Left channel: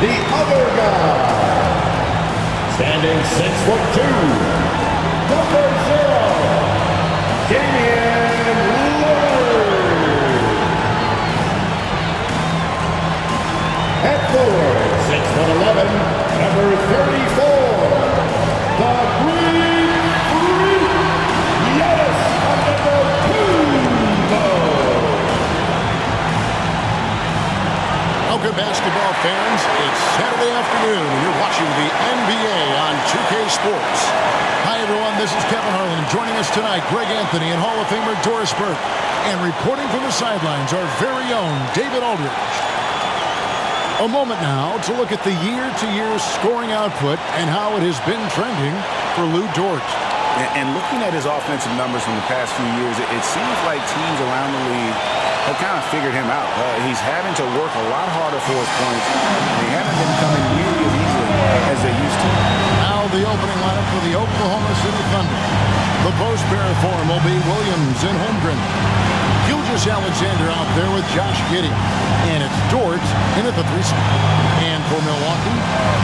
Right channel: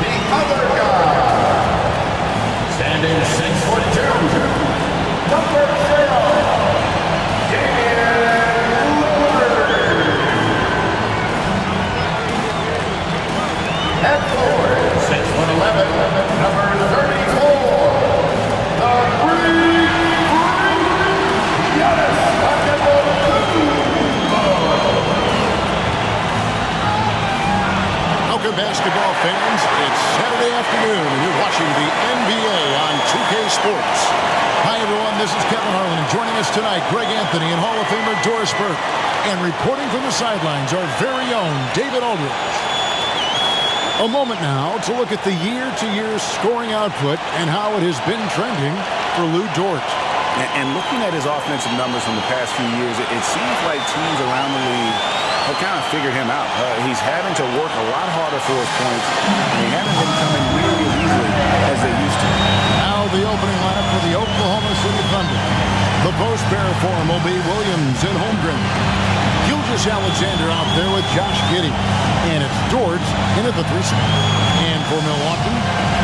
the other guy. Standing 6'2", number 0, Damian Lillard. At forward, 6'11", number 34, the Greek Freak, Giannis Antetokounmpo. Welcome, basketball fans. It's Saturday afternoon, and you're watching the NBA on 2K Sports. Hi, everyone. This is Kevin Harlan, and joining us tonight, Greg Anthony and Hall of Famer Doris Burke. And reporting from the sidelines, our very own David Aldridge. A moment now to look at the year-to-year scoring output and how it has been trending for Lou Dort. And looking at his offensive numbers from the past few years, it seems like teams around the league have kind of figured him out. He's having to work a lot harder for his points, and they haven't been coming nearly as easily as they used to. Now the opening lineup for the Oklahoma City Thunder. The post pair for him will be Williams and Holmgren. Gilgeous Alexander out there with Josh Giddey. And it's Dort in at the 3 spot. And for Milwaukee,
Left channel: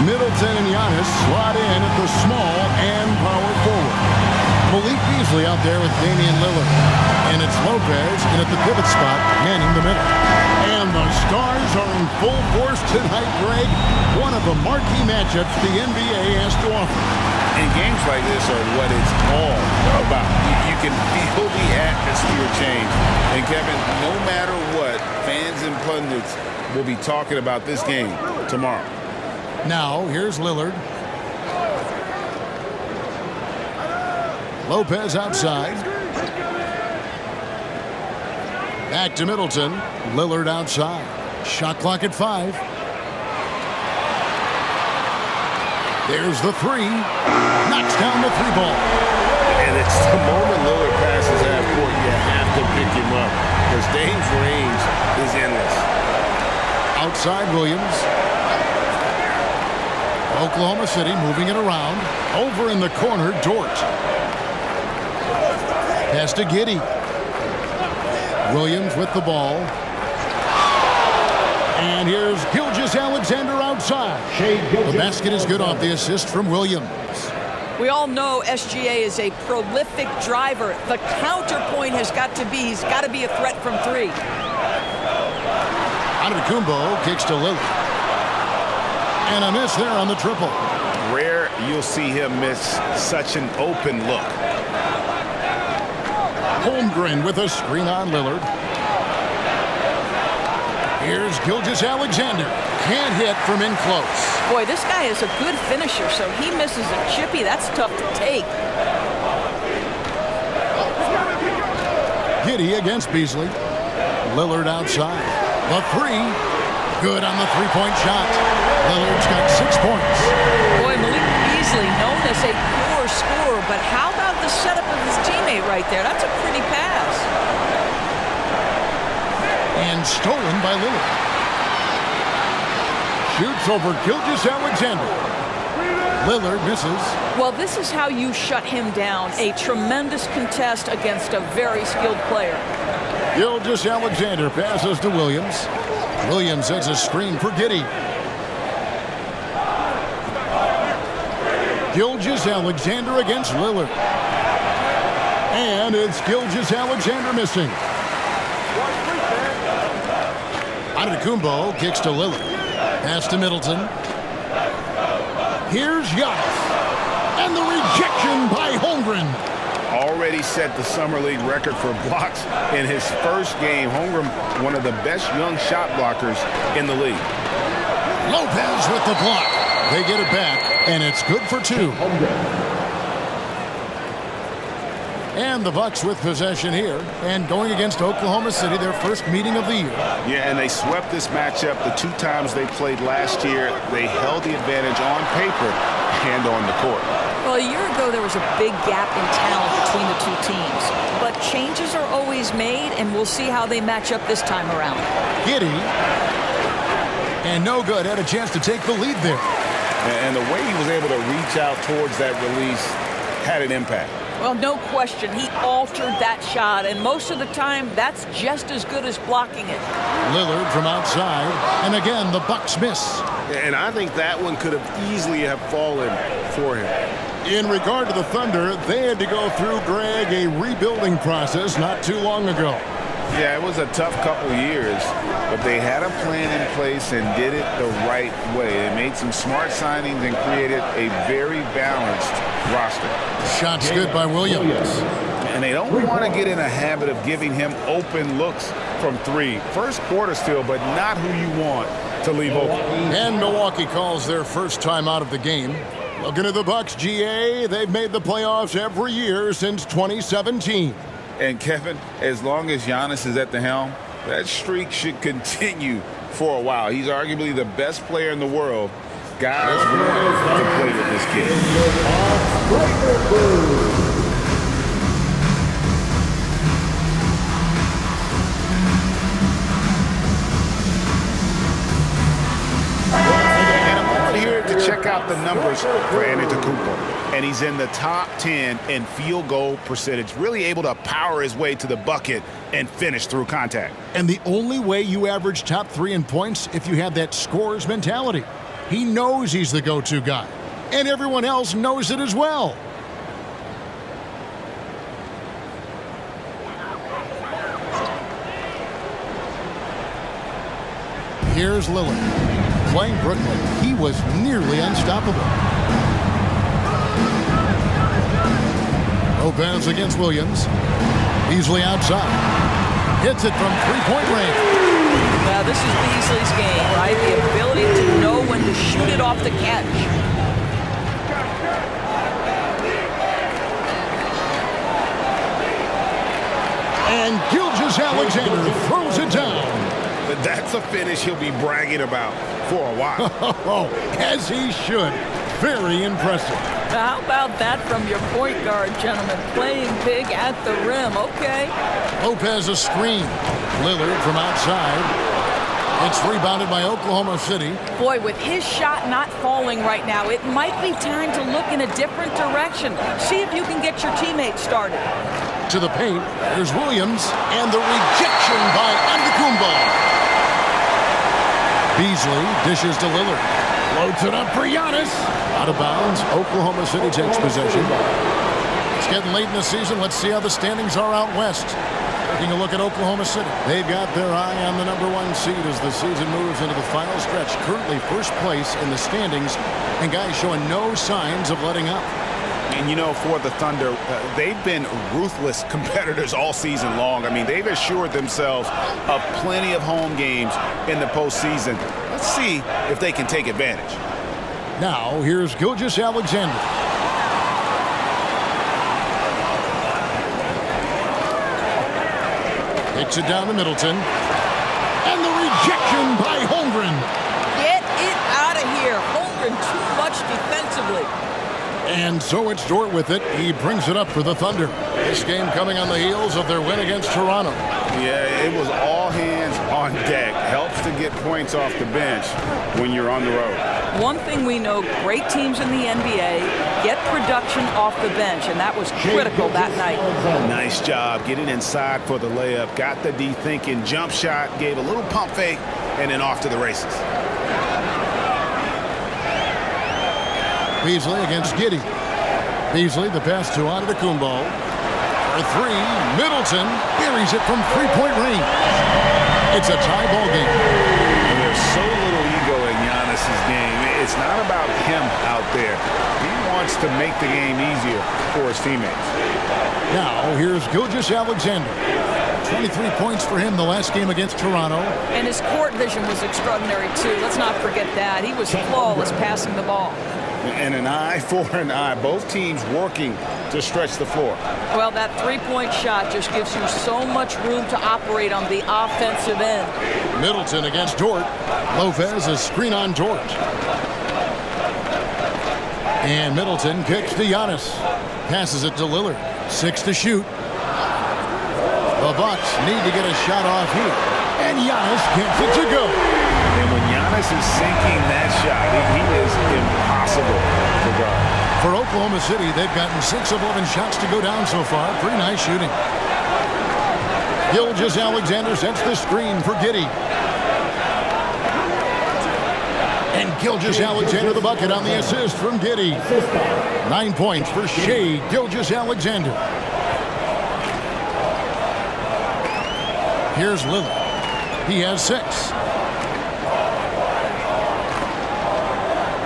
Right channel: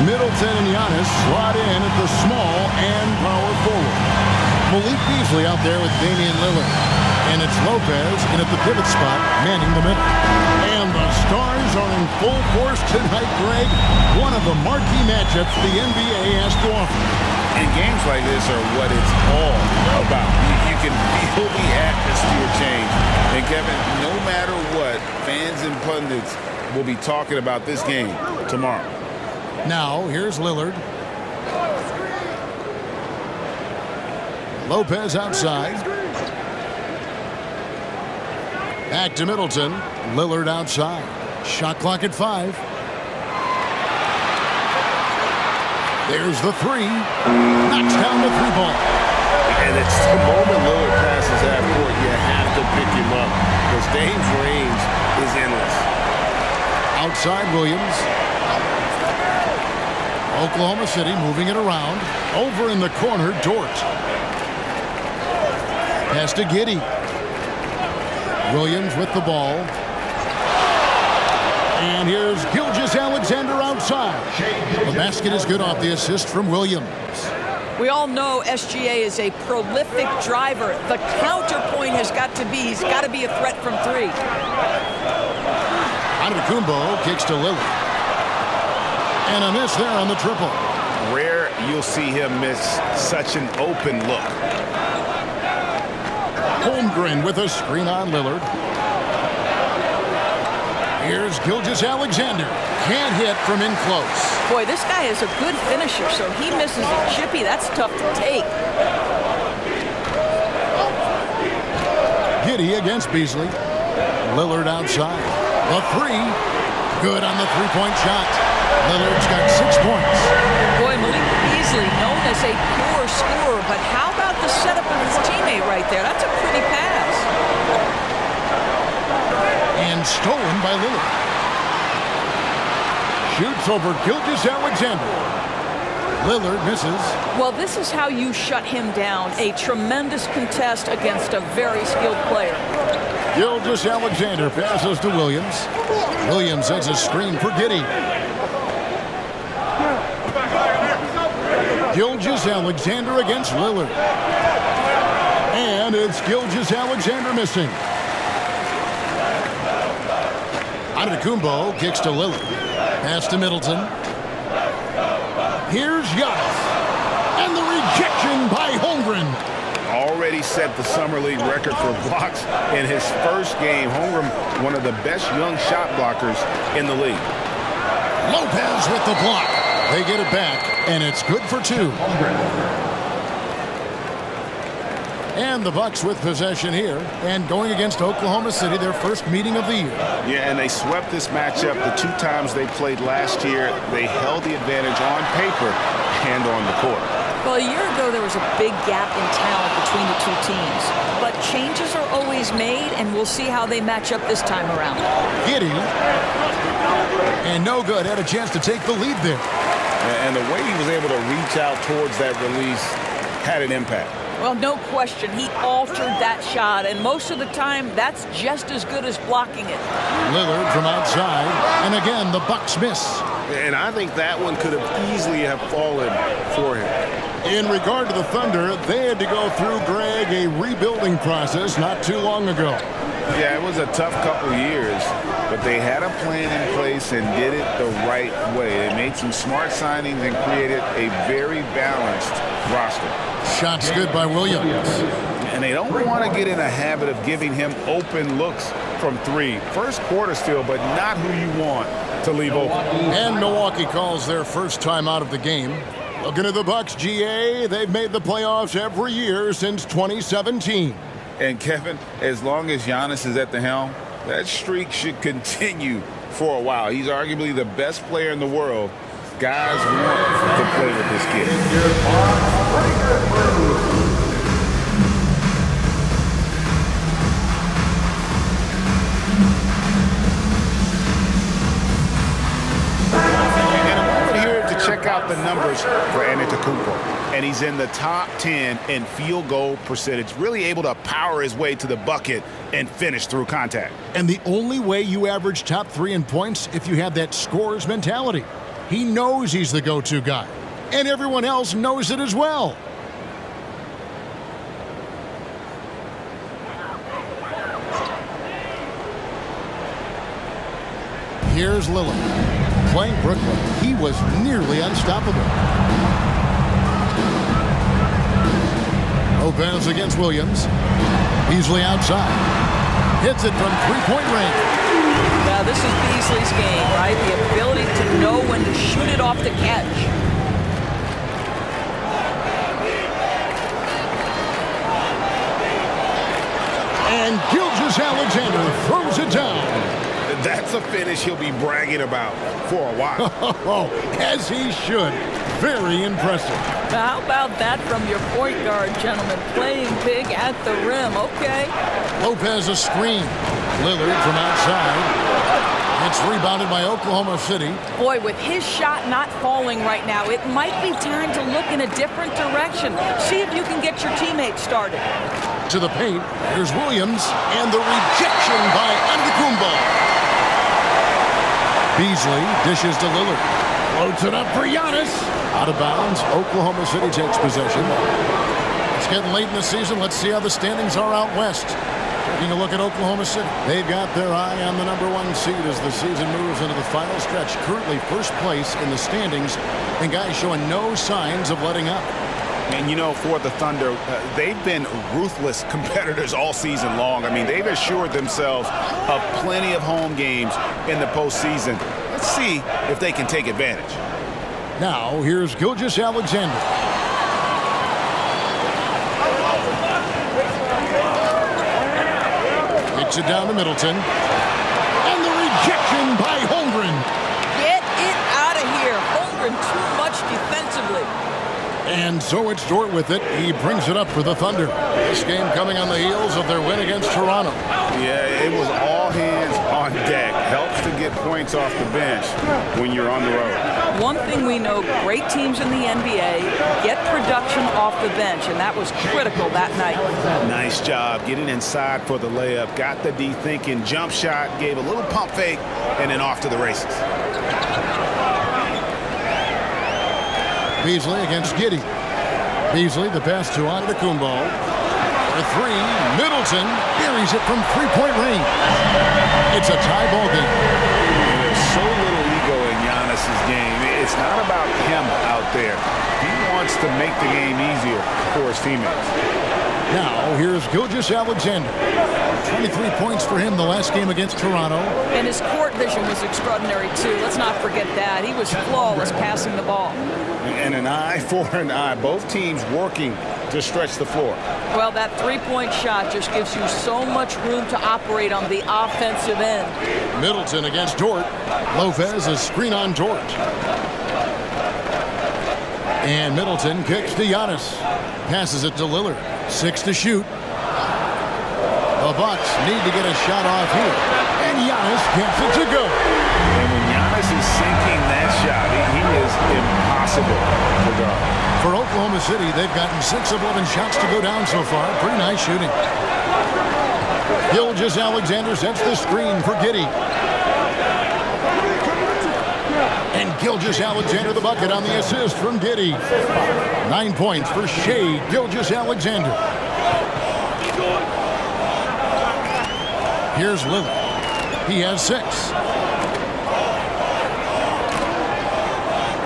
Middleton and Giannis slot in at the small and power forward. Malik Beasley out there with Damian Lillard. And it's Lopez in at the pivot spot, manning the middle. And the Stars are in full force tonight, Greg. One of the marquee matchups the NBA has to offer. And games like this are what it's all about. You can feel the atmosphere change. And Kevin, no matter what, fans and pundits will be talking about this game tomorrow. Now, here's Lillard. Lopez outside. Back to Middleton. Lillard outside. Shot clock at 5. There's the 3. Knocks down the 3 ball. And it's the moment Lillard passes half court, you have to pick him up because Dame's range is endless. Outside Williams. Oklahoma City moving it around. Over in the corner, Dort. Pass to Giddey. Williams with the ball. And here's Gilgeous Alexander outside. The basket is good off the assist from Williams. We all know SGA is a prolific driver. The counterpoint has got to be, he's got to be a threat from 3. Antetokounmpo kicks to Lillard. And a miss there on the triple. Rare you'll see him miss such an open look. Holmgren with a screen on Lillard. Here's Gilgeous Alexander. Can't hit from in close. Boy, this guy is a good finisher, so he misses a chippy. That's tough to take. Giddey against Beasley. Lillard outside. The 3. Good on the 3-point shot. Lillard's got 6 points. Boy, Malik Beasley, known as a pure scorer, but how about the setup of his teammate right there? That's a pretty pass. And stolen by Lillard. Shoots over Gilgeous Alexander. Lillard misses. Well, this is how you shut him down. A tremendous contest against a very skilled player. Gilgeous Alexander passes to Williams. Williams sets a screen for Giddey. Gilgeous Alexander against Lillard. And it's Gilgeous Alexander missing. Antetokounmpo kicks to Lillard. Pass to Middleton. Here's Giannis. And the rejection by Holmgren. Already set the Summer League record for blocks in his first game. Holmgren, one of the best young shot blockers in the league. Lopez with the block. They get it back, and it's good for 2. And the Bucks with possession here, and going against Oklahoma City, their first meeting of the year. Yeah, and they swept this matchup the 2 times they played last year. They held the advantage on paper and on the court. Well, a year ago, there was a big gap in talent between the 2 teams. But changes are always made, and we'll see how they match up this time around. Giddey. And no good. Had a chance to take the lead there. And the way he was able to reach out towards that release had an impact. Well, no question. He altered that shot, and most of the time, that's just as good as blocking it. Lillard from outside, and again, the Bucks miss. And I think that one could have easily have fallen for him. In regard to the Thunder, they had to go through, Greg, a rebuilding process not too long ago. Yeah, it was a tough couple years, but they had a plan in place and did it the right way. They made some smart signings and created a very balanced roster. Shots good by Williams. And they don't want to get in a habit of giving him open looks from three. First quarter still, but not who you want to leave open. And Milwaukee calls their first time out of the game. Looking at the Bucks, GA, they've made the playoffs every year since 2017. And Kevin, as long as Giannis is at the helm, that streak should continue for a while. He's arguably the best player in the world. Guys want to play with this kid. To check out the numbers for Antetokounmpo, and he's in the top 10 in field goal percentage, really able to power his way to the bucket and finish through contact. And the only way you average top 3 in points if you have that scorer's mentality. He knows he's the go-to guy, and everyone else knows it as well. Here's Lillard. Playing Brooklyn, he was nearly unstoppable. Lopez against Williams. Beasley outside. Hits it from three-point range. Now, this is Beasley's game, right? The ability to know when to shoot it off the catch. And Gilgeous-Alexander throws it down. That's a finish he'll be bragging about for a while. As he should. Very impressive. How about that from your point guard, gentlemen? Playing big at the rim. Okay. Lopez a screen. Lillard from outside. It's rebounded by Oklahoma City. Boy, with his shot not falling right now, it might be time to look in a different direction. See if you can get your teammates started. To the paint. Here's Williams. And the rejection by Antetokounmpo. Beasley dishes to Lillard. Floats it up for Giannis. Out of bounds. Oklahoma City takes possession. It's getting late in the season. Let's see how the standings are out west. Taking a look at Oklahoma City. They've got their eye on the #1 seed as the season moves into the final stretch. Currently first place in the standings, and guys showing no signs of letting up. And, you know, for the Thunder, they've been ruthless competitors all season long. I mean, they've assured themselves of plenty of home games in the postseason. Let's see if they can take advantage. Now, here's Gilgeous-Alexander. Kicks it down to Middleton. And the rejection by Holmgren. Get it out of here. Holmgren too much defensively. And so it's Dort with it. He brings it up for the Thunder. This game coming on the heels of their win against Toronto. Yeah, it was all hands on deck. Helps to get points off the bench when you're on the road. One thing we know, great teams in the NBA get production off the bench, and that was critical that night. Nice job getting inside for the layup. Got the D thinking, jump shot, gave a little pump fake, and then off to the races. Beasley against Giddey. Beasley, the pass to Antetokounmpo. For three, Middleton buries it from three-point range. It's a tie ball game. And there's so little ego in Giannis's game. It's not about him out there. He wants to make the game easier for his teammates. Now, here's Gilgeous-Alexander. 23 points for him the last game against Toronto. And his court vision was extraordinary, too. Let's not forget that. He was flawless passing the ball. And an eye for an eye. Both teams working to stretch the floor. Well, that three-point shot just gives you so much room to operate on the offensive end. Middleton against Dort. Lopez a screen on Dort. And Middleton kicks to Giannis. Passes it to Lillard. 6 to shoot. The Bucks need to get a shot off here. And Giannis gets it to go. And when Giannis is sinking that shot, he is impossible to guard. For Oklahoma City, they've gotten 6 of 11 shots to go down so far. Pretty nice shooting. Gilgeous-Alexander sets the screen for Giddey. And Gilgeous-Alexander the bucket on the assist from Giddey. 9 points for Shea Gilgeous-Alexander. Here's Lillard. He has 6.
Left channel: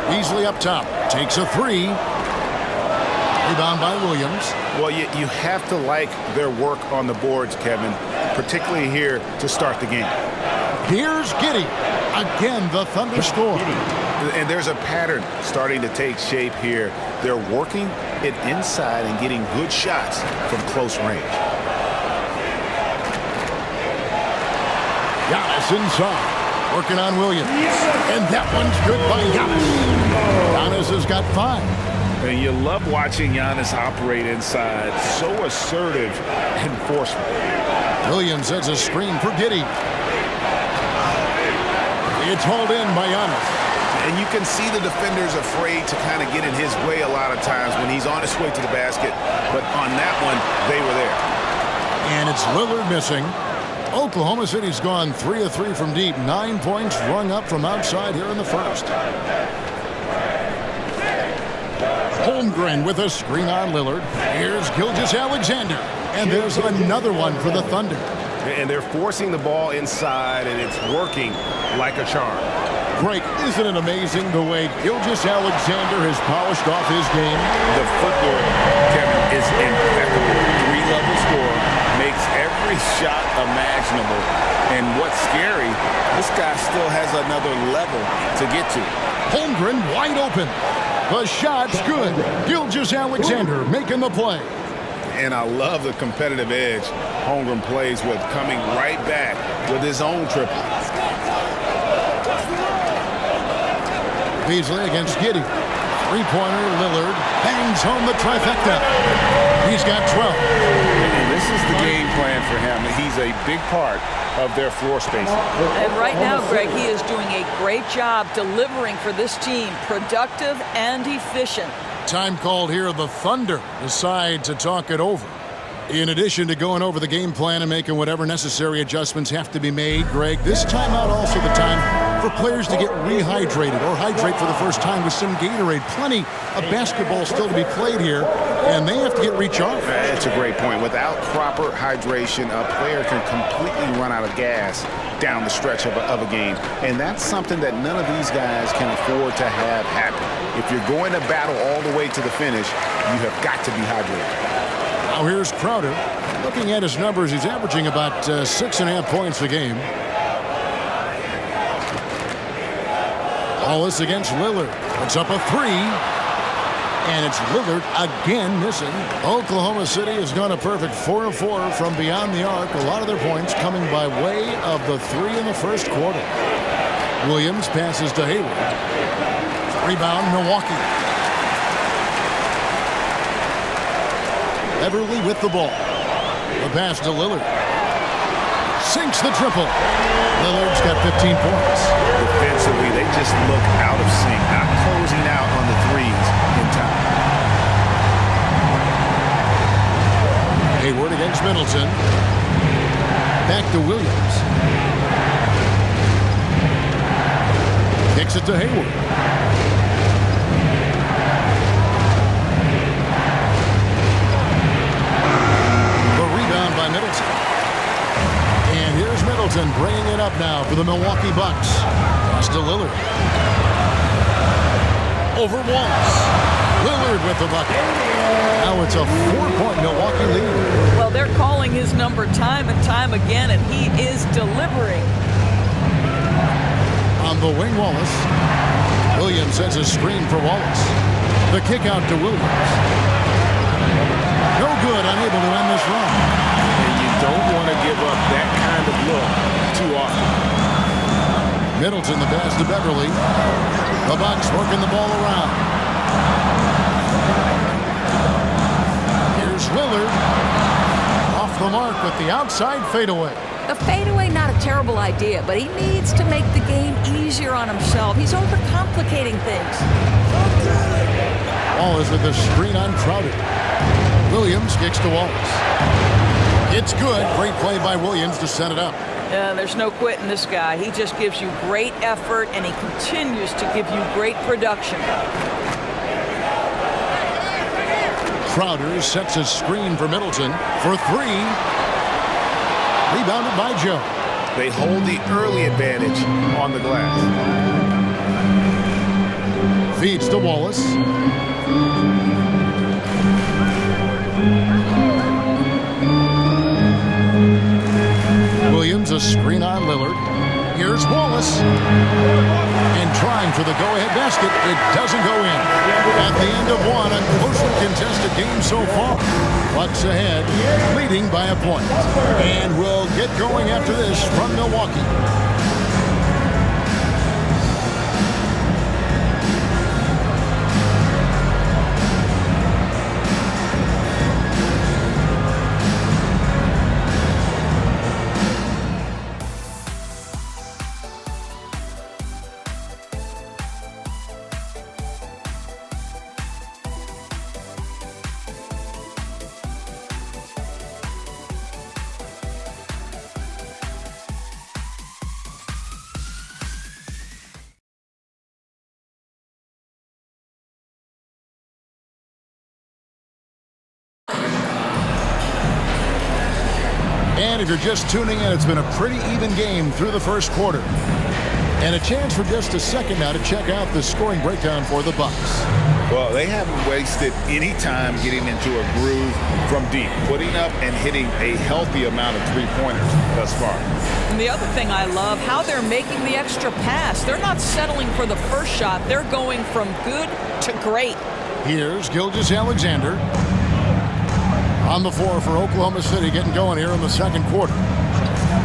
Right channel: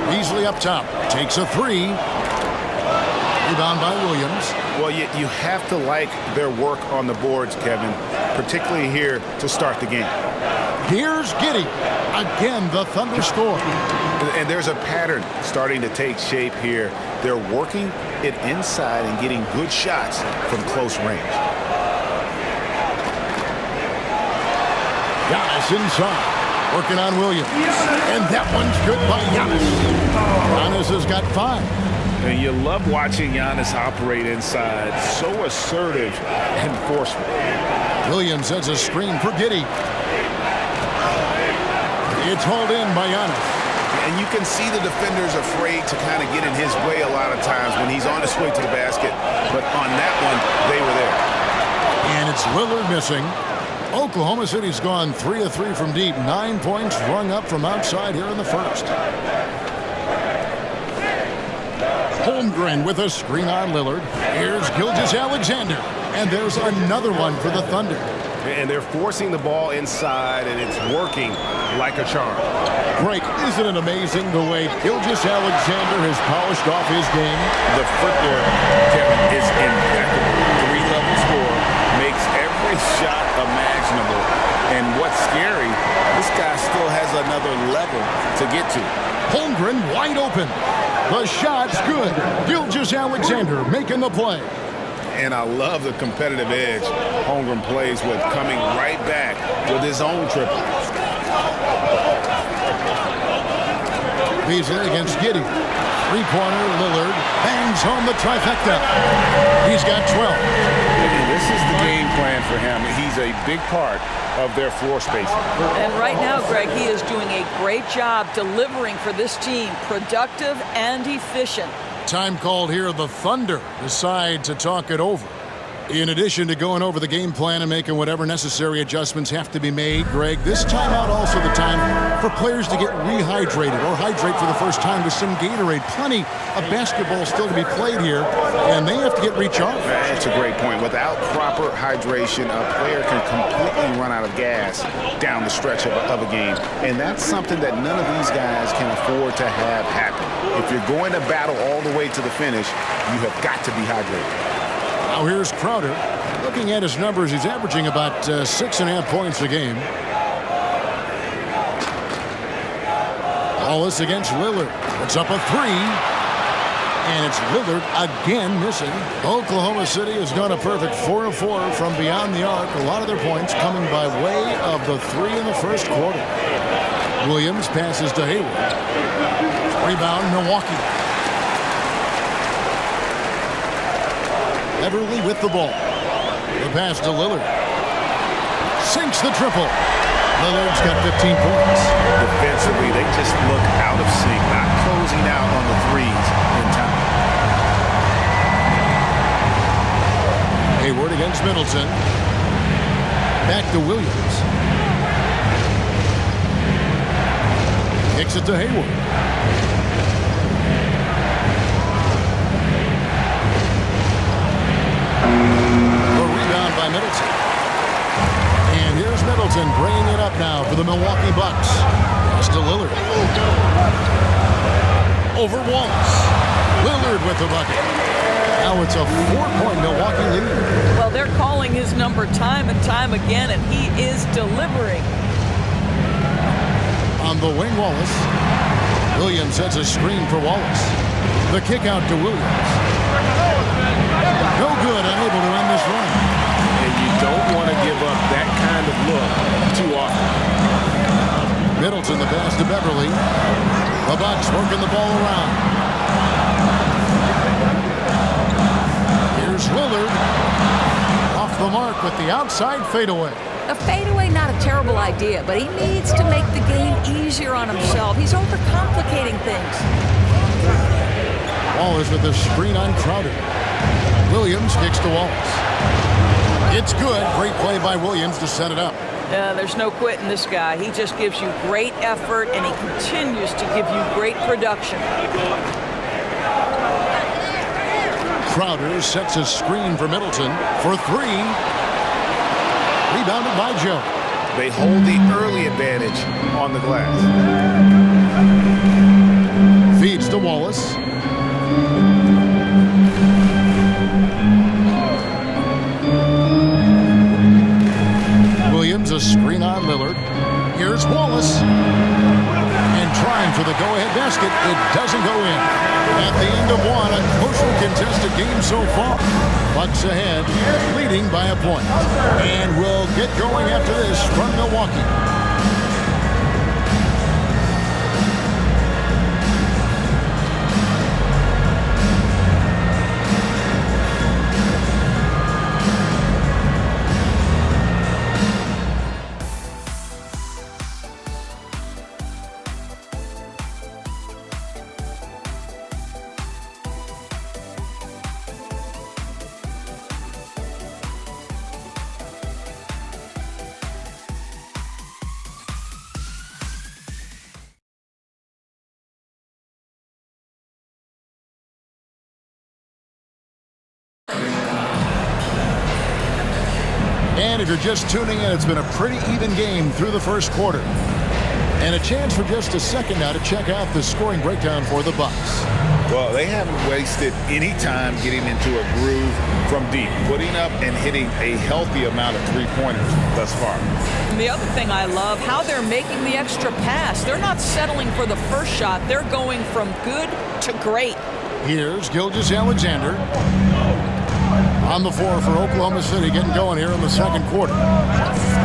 Beasley up top. Takes a 3. Rebound by Williams. Well, you have to like their work on the boards, Kevin, particularly here to start the game. Here's Giddey. Again, the Thunder score. And there's a pattern starting to take shape here. They're working it inside and getting good shots from close range. Giannis inside, working on Williams. And that one's good by Giannis. Giannis has got 5. And you love watching Giannis operate inside. So assertive and forceful. Williams sets a screen for Giddey. It's hauled in by Giannis. And you can see the defenders afraid to kind of get in his way a lot of times when he's on his way to the basket. But on that one, they were there. And it's Lillard missing. Oklahoma City's gone 3 of 3 from deep. 9 points rung up from outside here in the first. Holmgren with a screen on Lillard. Here's Gilgeous-Alexander. And there's another one for the Thunder. And they're forcing the ball inside, and it's working like a charm. Greg, isn't it amazing the way Gilgeous-Alexander has polished off his game? The footwork, Kevin, is impeccable. 3-level scorer, makes every shot imaginable. And what's scary, this guy still has another level to get to. Holmgren wide open. The shot's good. Gilgeous-Alexander making the play. And I love the competitive edge Holmgren plays with, coming right back with his own triple. Beasley against Giddey. 3-pointer, Lillard bangs home the trifecta. He's got 12. And this is the game plan for him. He's a big part of their floor spacing. And right now, Greg, he is doing a great job delivering for this team, productive and efficient. Time called here. The Thunder decide to talk it over. In addition to going over the game plan and making whatever necessary adjustments have to be made, Greg, this timeout also the time for players to get rehydrated or hydrate for the first time with some Gatorade. Plenty of basketball still to be played here, and they have to get recharged. That's a great point. Without proper hydration, a player can completely run out of gas down the stretch of a game. And that's something that none of these guys can afford to have happen. If you're going to battle all the way to the finish, you have got to be hydrated. Now here's Crowder. Looking at his numbers, he's averaging about 6.5 points a game. Wallace against Lillard. Puts up a 3. And it's Lillard again missing. Oklahoma City has gone a perfect 4 of 4 from beyond the arc. A lot of their points coming by way of the 3 in the first quarter. Williams passes to Hayward. Rebound, Milwaukee. Everly with the ball. The pass to Lillard. Sinks the triple. Lillard's got 15 points. Defensively, they just look out of sync, not closing out on the threes in time. Hayward against Middleton. Back to Williams. Kicks it to Hayward. Rebound by Middleton. And here's Middleton bringing it up now for the Milwaukee Bucks. Pass to Lillard. Over Wallace. Lillard with the bucket. Now it's a 4-point Milwaukee lead. Well, they're calling his number time and time again, and he is delivering. On the wing, Wallace. Williams sets a screen for Wallace. The kick out to Williams. No good, unable to end this run. And you don't want to give up that kind of look too often. Middleton, the pass to Beverly. The Bucks working the ball around. Here's Lillard. Off the mark with the outside fadeaway. The fadeaway, not a terrible idea, but he needs to make the game easier on himself. He's overcomplicating things. Wallace with the screen on Crowder. Williams kicks to Wallace. It's good. Great play by Williams to set it up. There's no quitting this guy. He just gives you great effort, and he continues to give you great production. Crowder sets a screen for Middleton for three. Rebounded by Joe. They hold the early advantage on the glass. Feeds to Wallace. Williams, a screen on Lillard. Here's Wallace. And trying for the go-ahead basket. It doesn't go in. At the end of one, a closely contested game so far. Bucks ahead, leading by a point. And we'll get going after this from Milwaukee. And if you're just tuning in, it's been a pretty even game through the first quarter. And a chance for just a second now to check out the scoring breakdown for the Bucks. Well, they haven't wasted any time getting into a groove from deep, putting up and hitting a healthy amount of three-pointers thus far. And the other thing I love, how they're making the extra pass. They're not settling for the first shot. They're going from good to great. Here's Gilgeous-Alexander on the floor for Oklahoma City, getting going here in the second quarter.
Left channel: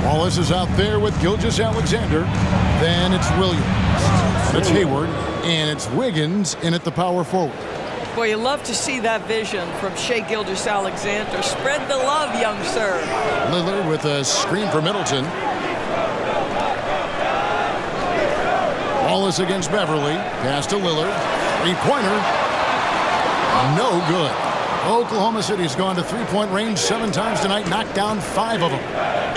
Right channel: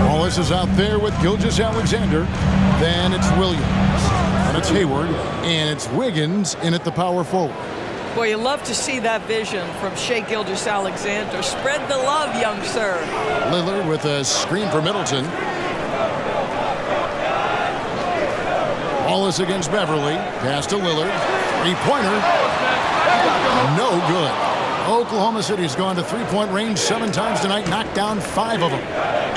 Wallace is out there with Gilgeous-Alexander. Then it's Williams. And it's Hayward. And it's Wiggins in at the power forward. Boy, you love to see that vision from Shai Gilgeous-Alexander. Spread the love, young sir. Lillard with a screen for Middleton. Wallace against Beverly. Pass to Lillard. Three-pointer. No good. Oklahoma City's gone to three-point range 7 times tonight, knocked down 5 of them.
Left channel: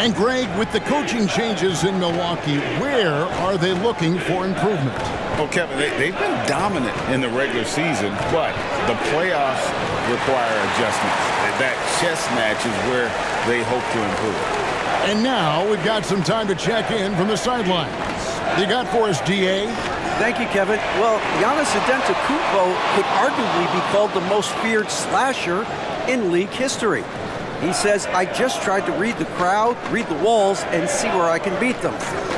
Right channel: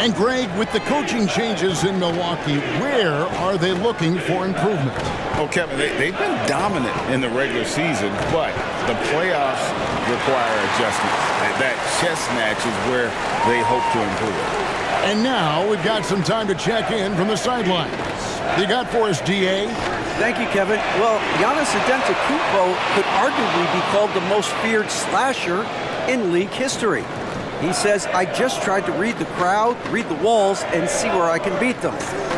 And Greg, with the coaching changes in Milwaukee, where are they looking for improvement? Well, Kevin, they've been dominant in the regular season, but the playoffs require adjustments. That chess match is where they hope to improve. And now we've got some time to check in from the sidelines. You got for us, DA? Thank you, Kevin. Well, Giannis Antetokounmpo could arguably be called the most feared slasher in league history. He says, I just tried to read the crowd, read the walls, and see where I can beat them.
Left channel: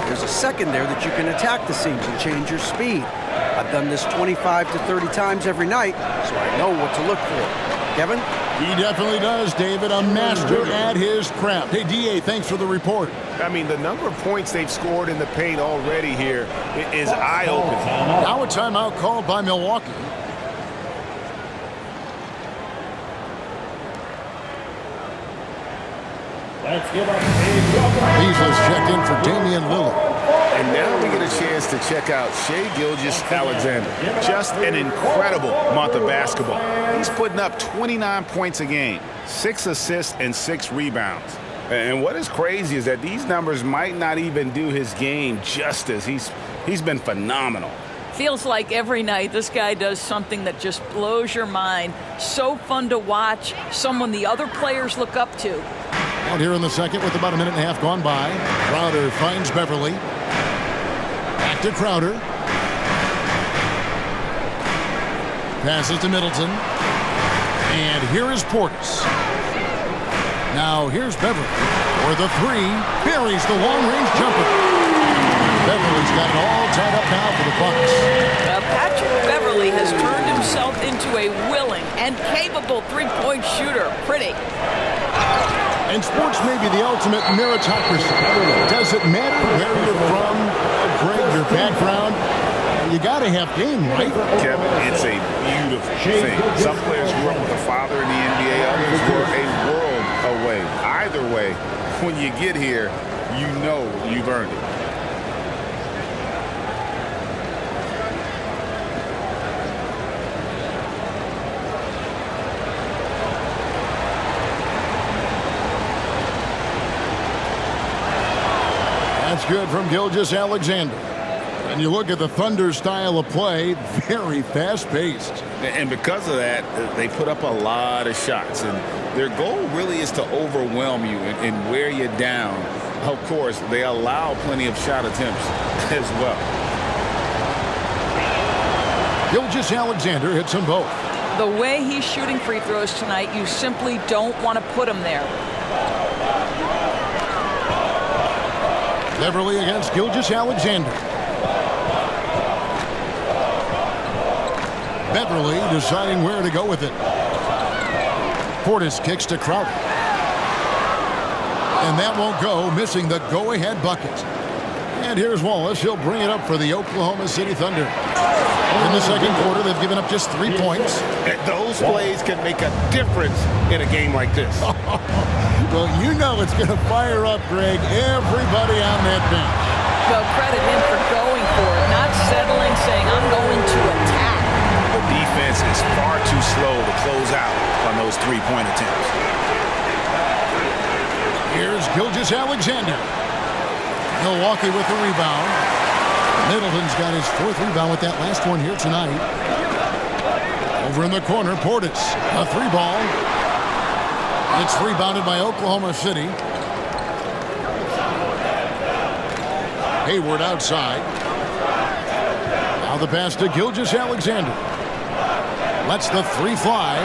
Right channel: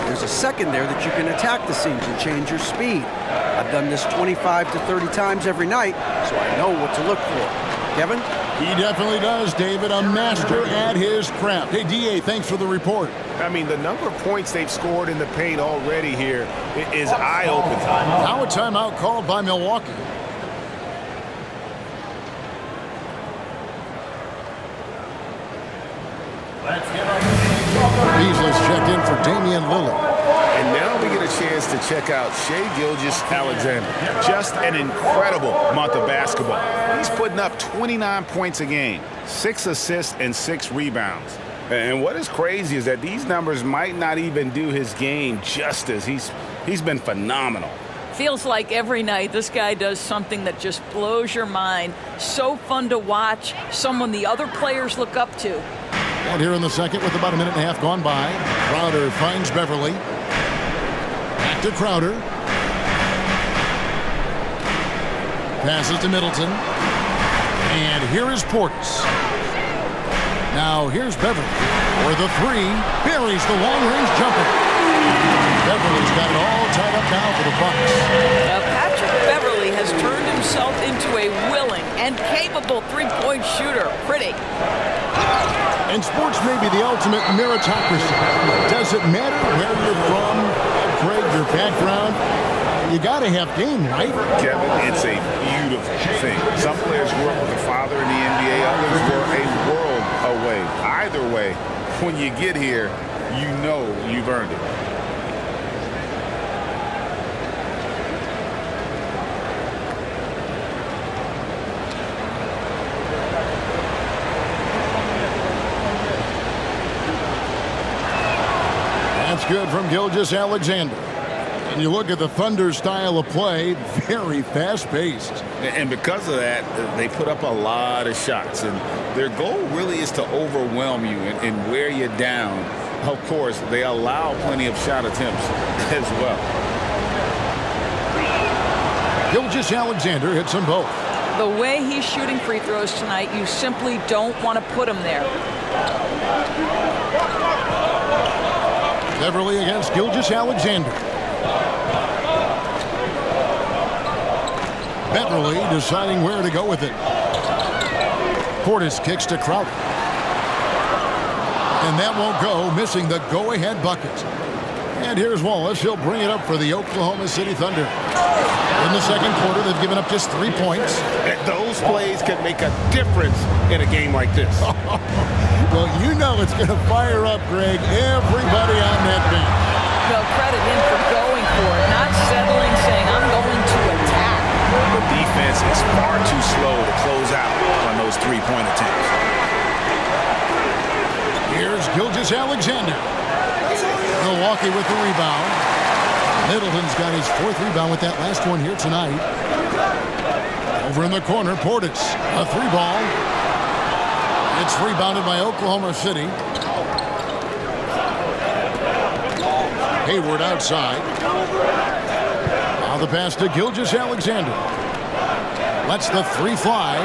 There's a second there that you can attack the seams and change your speed. I've done this 25 to 30 times every night, so I know what to look for. Kevin? He definitely does, David. A master at his craft. Hey, DA, thanks for the report. I mean, the number of points they've scored in the paint already here is eye-opening. Now a timeout called by Milwaukee. Beasley's checked in for Damian Lillard. And now we get a chance to check out Shai Gilgeous-Alexander. Just an incredible month of basketball. He's putting up 29 points a game, 6 assists, and 6 rebounds. And what is crazy is that these numbers might not even do his game justice. He's been phenomenal. Feels like every night this guy does something that just blows your mind. So fun to watch, someone the other players look up to. And here in the second with about a minute and a half gone by, Crowder finds Beverly. Back to Crowder. Passes to Middleton. And here is Portis. Now here's Beverly for the three. Buries the long-range jumper. Beverly's got it all tied up now for the Bucks. Patrick Beverly has turned himself into a willing and capable three-point shooter. Pretty. And sports may be the ultimate meritocracy. Does it matter where you're from, Greg, your background? You got to have game, right? Kevin, it's a beautiful thing. Some players grew up with a father in the NBA. Others were a world away. Either way, when you get here, you know you've earned it. That's good from Gilgeous-Alexander. And you look at the Thunder style of play, very fast-paced. And because of that, they put up a lot of shots. And their goal really is to overwhelm you and wear you down. Of course, they allow plenty of shot attempts as well. Gilgeous-Alexander hits them both. The way he's shooting free throws tonight, you simply don't want to put him there. Beverly against Gilgeous-Alexander. Beverly deciding where to go with it. Portis kicks to Crowder. And that won't go, missing the go-ahead bucket. And here's Wallace. He'll bring it up for the Oklahoma City Thunder. In the second quarter, they've given up just 3 points. Those plays can make a difference in a game like this. Well, you know it's going to fire up, Greg, everybody on that bench. Well, credit him for going for it, not settling, saying, I'm going to attack. The defense is far too slow to close out on those three-point attempts. Here's Gilgeous-Alexander. Milwaukee with the rebound. Middleton's got his 4th rebound with that last one here tonight. Over in the corner, Portis. A 3-ball. It's rebounded by Oklahoma City. Hayward outside. Now the pass to Gilgeous-Alexander. Lets the 3 fly.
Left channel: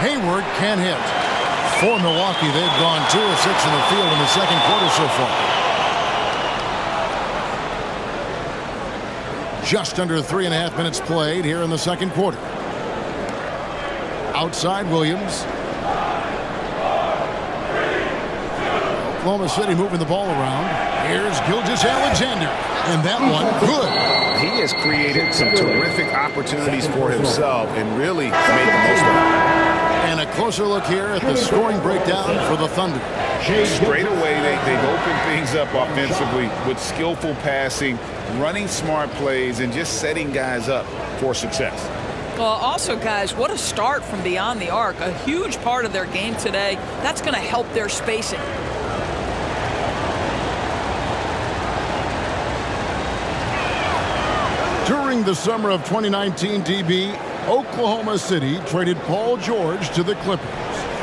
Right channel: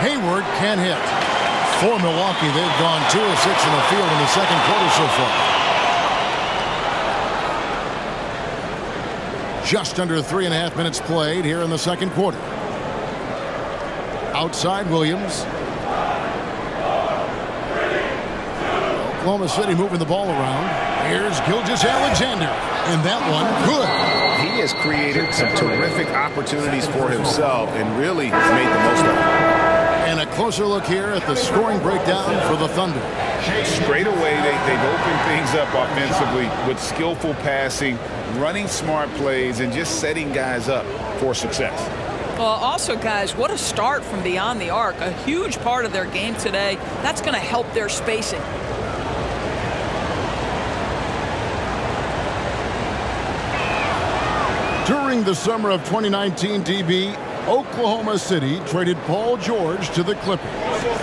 Hayward can't hit. For Milwaukee, they've gone 2 of 6 in the field in the second quarter so far. Just under 3.5 minutes played here in the second quarter. Outside Williams. Oklahoma City moving the ball around. Here's Gilgeous-Alexander. And that one, good. He has created some terrific opportunities for himself and really made the most of it. And a closer look here at the scoring breakdown for the Thunder. Straight away, they've opened things up offensively with skillful passing, running smart plays, and just setting guys up for success. Well, also, guys, what a start from beyond the arc. A huge part of their game today. That's going to help their spacing. During the summer of 2019, DB, Oklahoma City traded Paul George to the Clippers.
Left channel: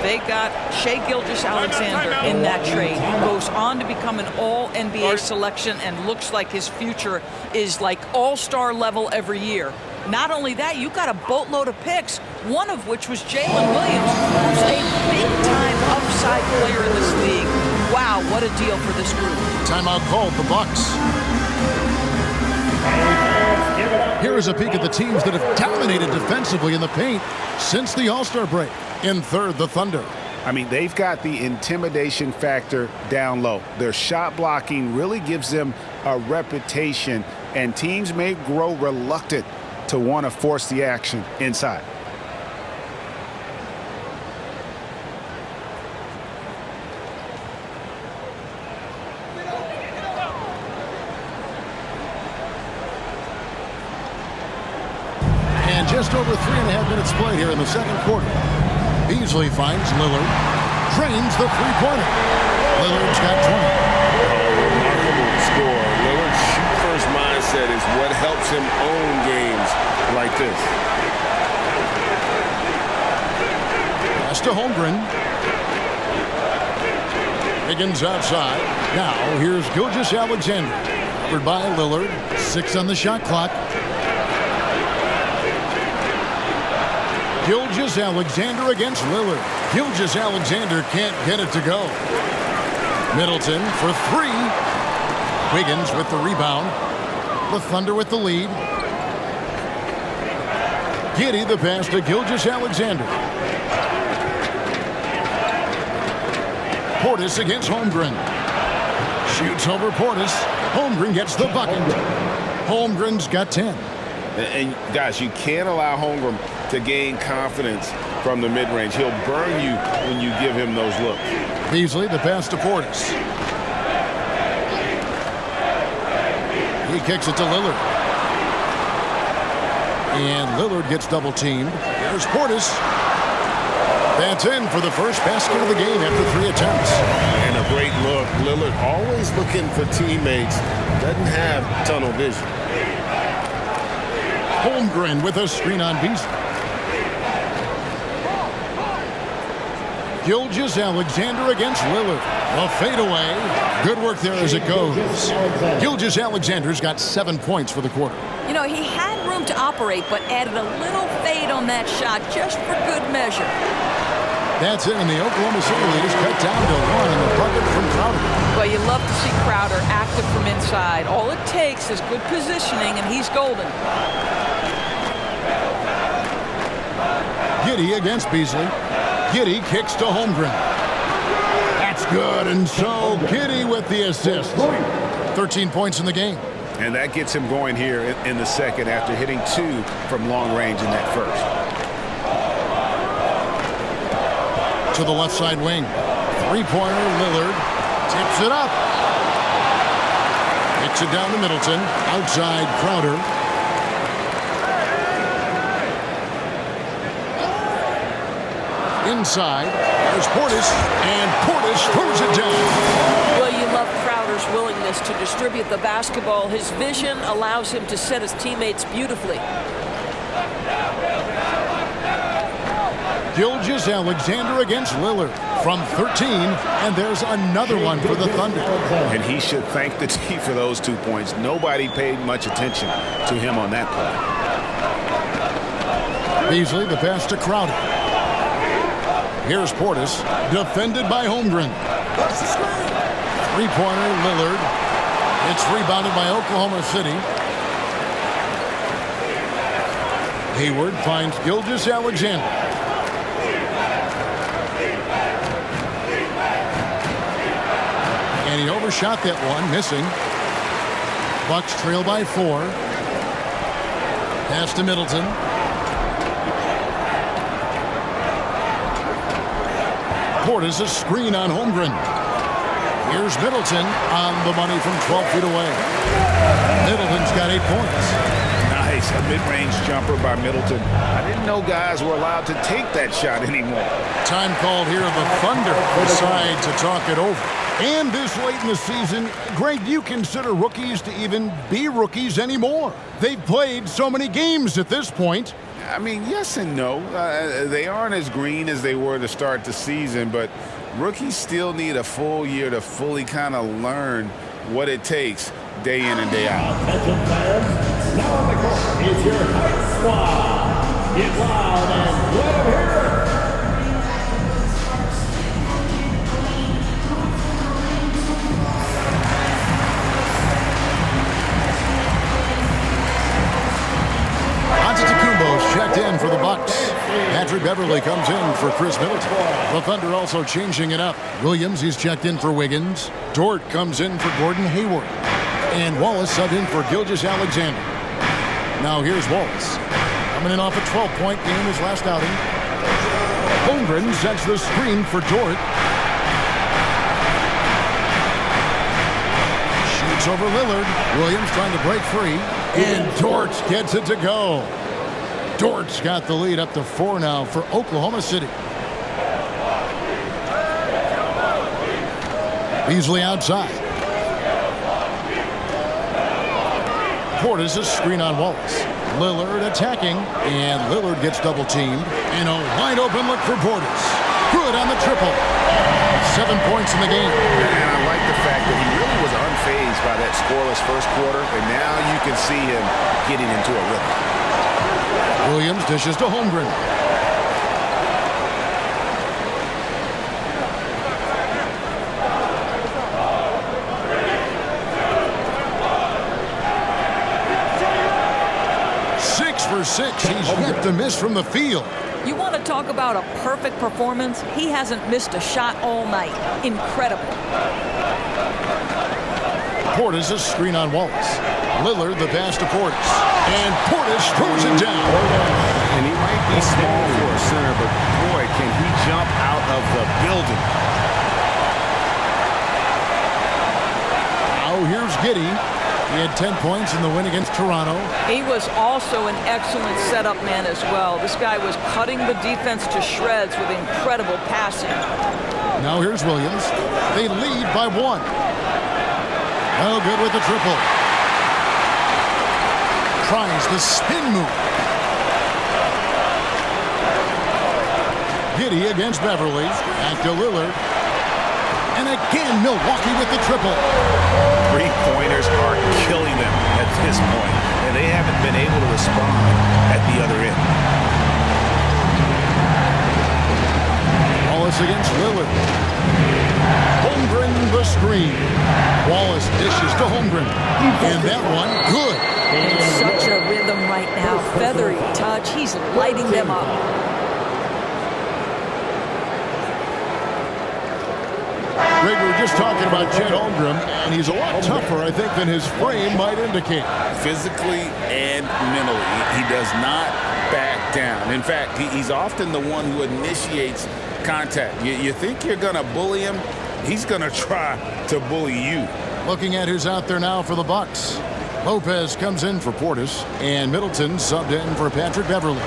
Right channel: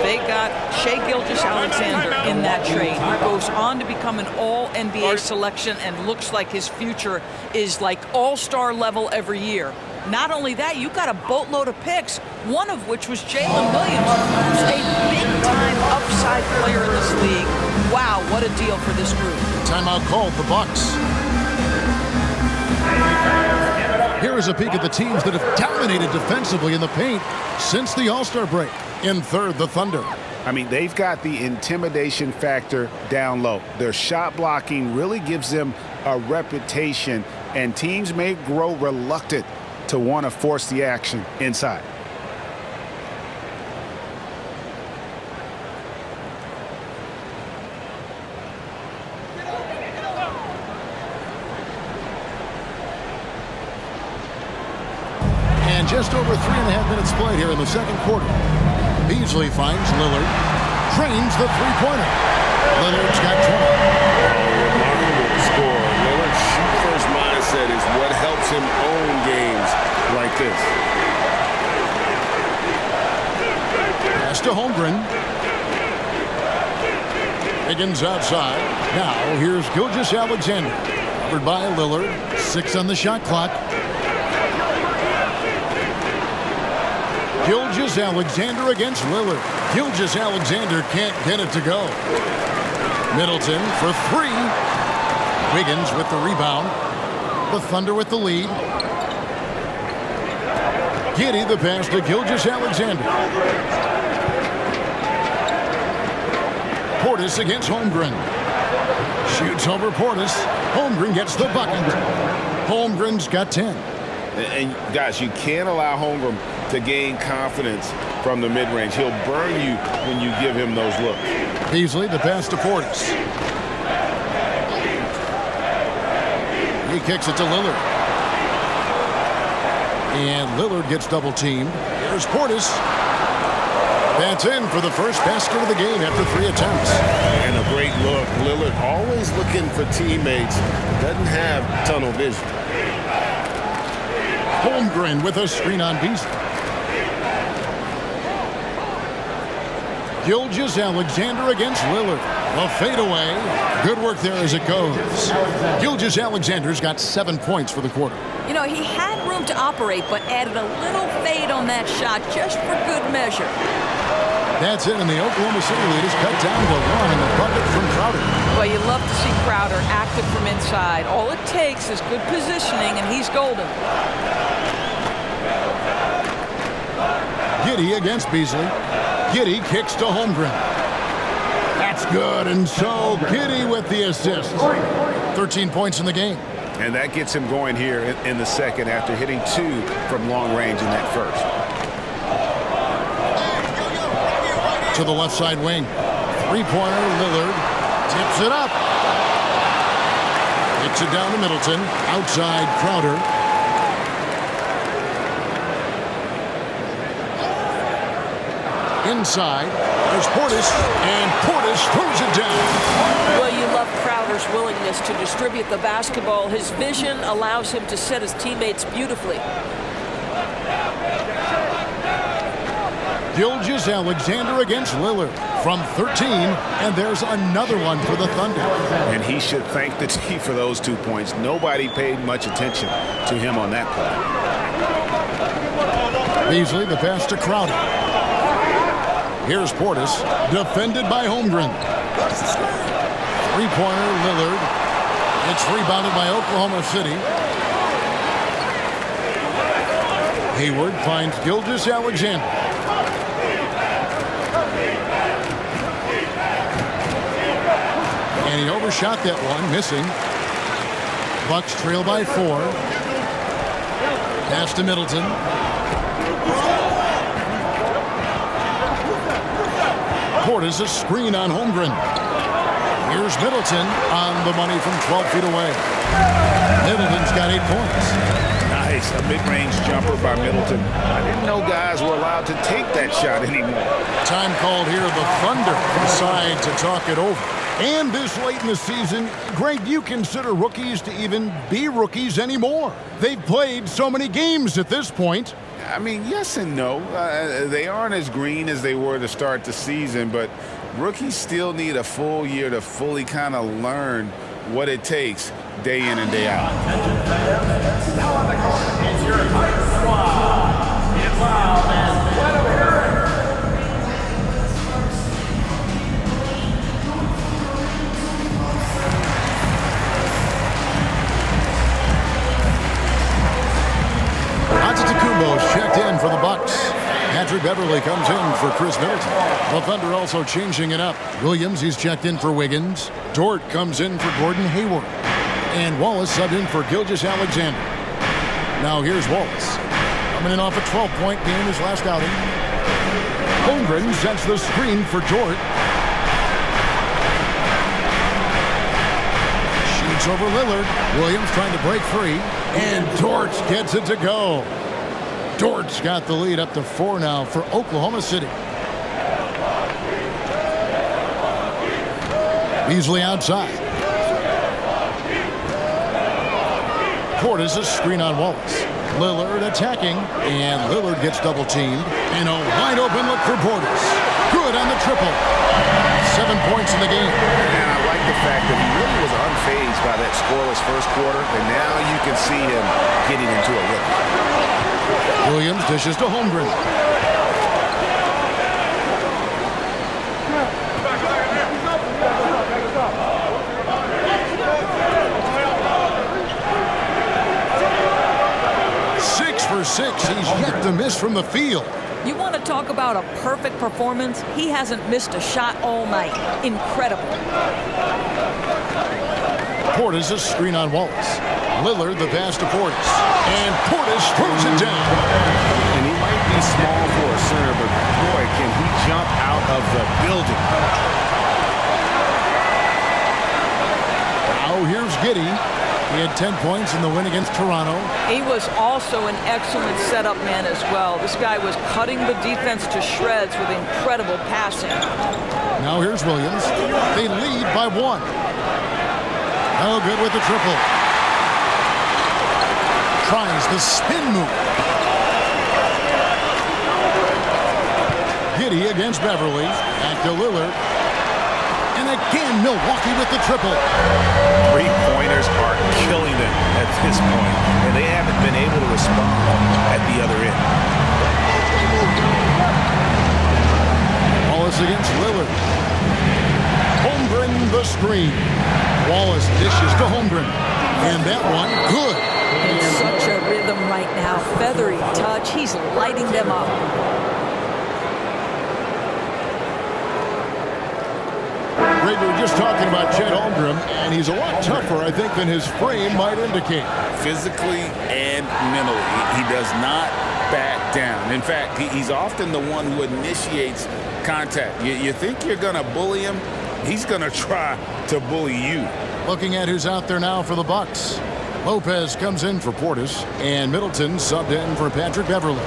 They got Shai Gilgeous-Alexander in that trade, who goes on to become an all-NBA selection and looks like his future is like all-star level every year. Not only that, you got a boatload of picks, one of which was Jalen Williams, who's a big-time upside player in this league. Wow, what a deal for this group. Timeout called, the Bucks. Here is a peek at the teams that have dominated defensively in the paint since the All-Star break. In third, the Thunder. I mean, they've got the intimidation factor down low. Their shot blocking really gives them a reputation, and teams may grow reluctant to want to force the action inside. And just over 3.5 minutes played here in the second quarter. Beasley finds Lillard. Trains the three-pointer. Lillard's got 20. Oh, remarkable score. Lillard's shoot-first mindset is what helps him own games like this. Pass to Holmgren. Higgins outside. Now here's Gilgeous-Alexander. Covered by Lillard. 6 on the shot clock. Gilgeous-Alexander against Lillard. Gilgeous-Alexander can't get it to go. Middleton for 3. Wiggins with the rebound. The Thunder with the lead. Giddey the pass to Gilgeous-Alexander. Portis against Holmgren. Shoots over Portis. Holmgren gets the bucket. Holmgren's got 10. And guys, you can't allow Holmgren to gain confidence from the mid-range. He'll burn you when you give him those looks. Beasley the pass to Portis. He kicks it to Lillard. And Lillard gets double-teamed. Here's Portis. That's in for the first basket of the game after 3 attempts. And a great look. Lillard always looking for teammates. Doesn't have tunnel vision. Holmgren with a screen on Beasley. Gilgeous-Alexander against Lillard. A fadeaway. Good work there as it goes. Gilgeous-Alexander's got 7 points for the quarter. You know, he had room to operate, but added a little fade on that shot just for good measure. That's it, and the Oklahoma City lead is cut down to 1 in the bucket from Crowder. Well, you love to see Crowder active from inside. All it takes is good positioning, and he's golden. Giddey against Beasley. Giddey kicks to Holmgren. That's good, and so Giddey with the assist. 13 points in the game. And that gets him going here in the second after hitting 2 from long range in that first. To the left side wing. Three-pointer, Lillard. Tips it up. Kicks it down to Middleton. Outside, Crowder. Inside, there's Portis, and Portis throws it down. Well, you love Crowder's willingness to distribute the basketball. His vision allows him to set his teammates beautifully. Gilgeous-Alexander against Lillard from 13, and there's another one for the Thunder. And he should thank the team for those 2 points. Nobody paid much attention to him on that play. Beasley, the pass to Crowder. Here's Portis, defended by Holmgren. Three-pointer, Lillard. It's rebounded by Oklahoma City. Hayward finds Gilgeous-Alexander. And he overshot that one, missing. Bucks trail by 4. Pass to Middleton. Portis a screen on Holmgren. Here's Middleton on the money from 12 feet away. Middleton's got 8 points. Nice, a mid-range jumper by Middleton. I didn't know guys were allowed to take that shot anymore. Time called here. The Thunder decide to talk it over. And this late in the season, Greg, do you consider rookies to even be rookies anymore? They've played so many games at this point. I mean, yes and no. They aren't as green as they were to start the season, but rookies still need a full year to fully kind of learn what it takes day in and day out. Attention fans, now on the court is your Hunt Squad. Get loud and let them hear it. Antetokounmpo's checked in for the Bucks. Patrick Beverley comes in for Chris Middleton. The Thunder also changing it up. Williams, he's checked in for Wiggins. Dort comes in for Gordon Hayward. And Wallace subbed in for Gilgeous-Alexander. Now here's Wallace. Coming in off a 12-point game his last outing. Holmgren sets the screen for Dort. Shoots over Lillard. Williams trying to break free. And Dort gets it to go. Dort's got the lead up to 4 now for Oklahoma City. Beasley outside. Portis a screen on Wallace. Lillard attacking, and Lillard gets double teamed. And a wide open look for Portis. Good on the triple. 7 points in the game. And I like the fact that he really was unfazed by that scoreless first quarter, and now you can see him getting into a rhythm. Williams dishes to Holmgren. Six for 6. He's yet to miss from the field. You want to talk about a perfect performance? He hasn't missed a shot all night. Incredible. Portis a screen on Wallace. Lillard the pass to Portis. And Portis throws it down. And he might be small for a center, but boy, can he jump out of the building. Now here's Giddey. He had 10 points in the win against Toronto. He was also an excellent setup man as well. This guy was cutting the defense to shreds with incredible passing. Now here's Williams. They lead by 1. No good with the triple. Tries the spin move. Giddey against Beverly. Back to Lillard. And again, Milwaukee with the triple. Three-pointers are killing them at this point, and they haven't been able to respond at the other end. Wallace against Lillard. Holmgren the screen. Wallace dishes to Holmgren. And that one, good. In such a rhythm right now. Feathery touch. He's lighting them up. Greg, we were just talking about Chet Holmgren, and he's a lot tougher, I think, than his frame might indicate. Physically and mentally, he does not back down. In fact, he's often the one who initiates contact. You think you're going to bully him, he's going to try to bully you. Looking at who's out there now for the Bucks. Lopez comes in for Portis, and Middleton subbed in for Patrick Beverly.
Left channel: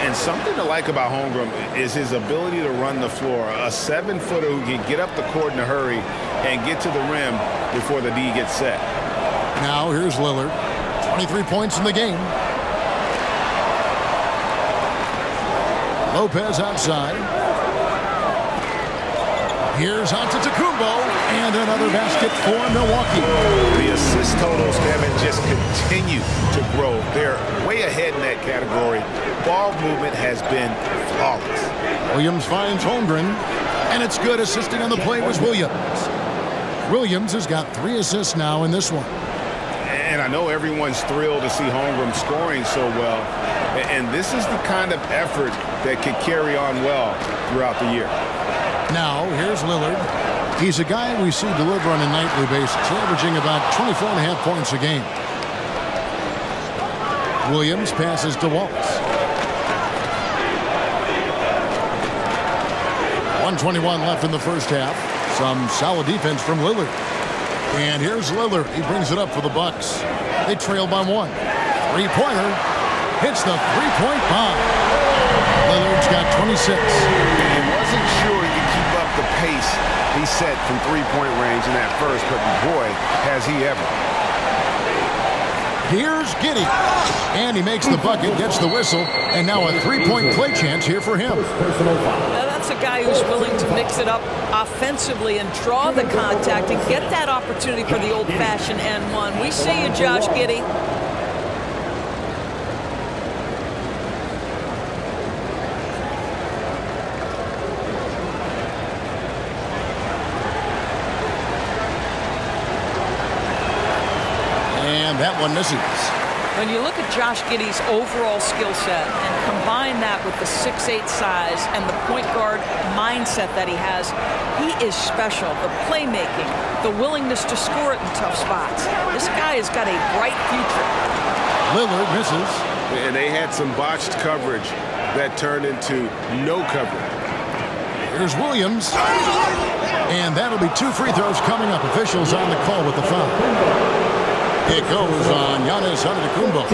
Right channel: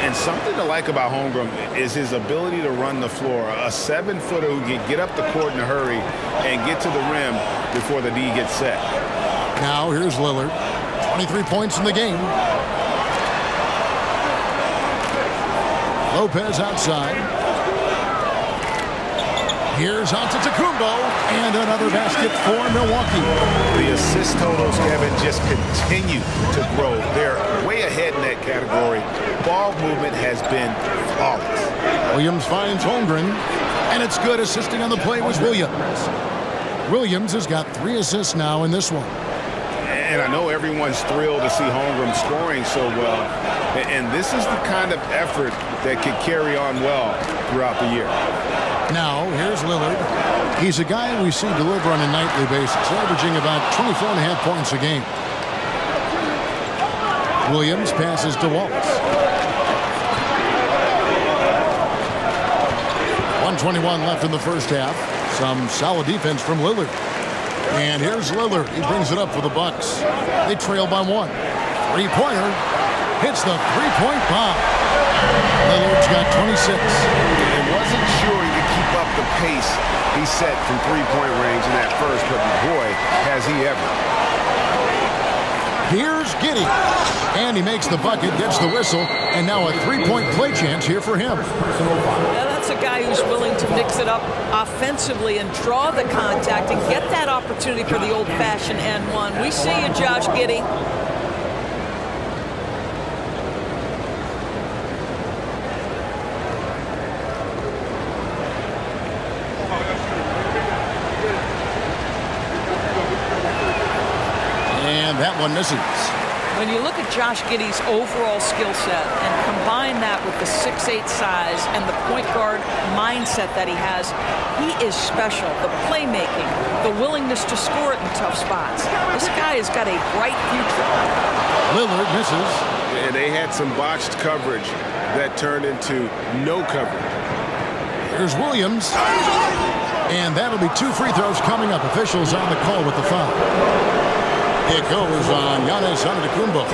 And something to like about Holmgren is his ability to run the floor. A 7-footer who can get up the court in a hurry and get to the rim before the D gets set. Now here's Lillard. 23 points in the game. Lopez outside. Here's Antetokounmpo, and another basket for Milwaukee. The assist totals, Kevin, just continue to grow. They're way ahead in that category. Ball movement has been flawless. Williams finds Holmgren, and it's good. Assisting on the play was Williams. Williams has got 3 assists now in this one. And I know everyone's thrilled to see Holmgren scoring so well. And this is the kind of effort that could carry on well throughout the year. Now, here's Lillard. He's a guy we see deliver on a nightly basis, averaging about 24.5 points a game. Williams passes to Wallace. 1:21 left in the first half. Some solid defense from Lillard. And here's Lillard. He brings it up for the Bucks. They trail by 1. Three-pointer. Hits the three-point bomb. Lillard's got 26. And wasn't sure he could keep up the pace he set from three-point range in that first, but boy, has he ever. Here's Giddey. And he makes the bucket, gets the whistle, and now a three-point play chance here for him. Now that's a guy who's willing to mix it up offensively and draw the contact and get that opportunity for the old-fashioned N1. We see you, Josh Giddey. And that one misses. When you look at Josh Giddey's overall skill set and combine that with the 6'8" size and the point guard mindset that he has, he is special. The playmaking, the willingness to score it in tough spots. This guy has got a bright future. Lillard misses. And they had some botched coverage that turned into no coverage. Here's Williams. And that'll be 2 free throws coming up. Officials on the call with the foul. It goes on Giannis Antetokounmpo.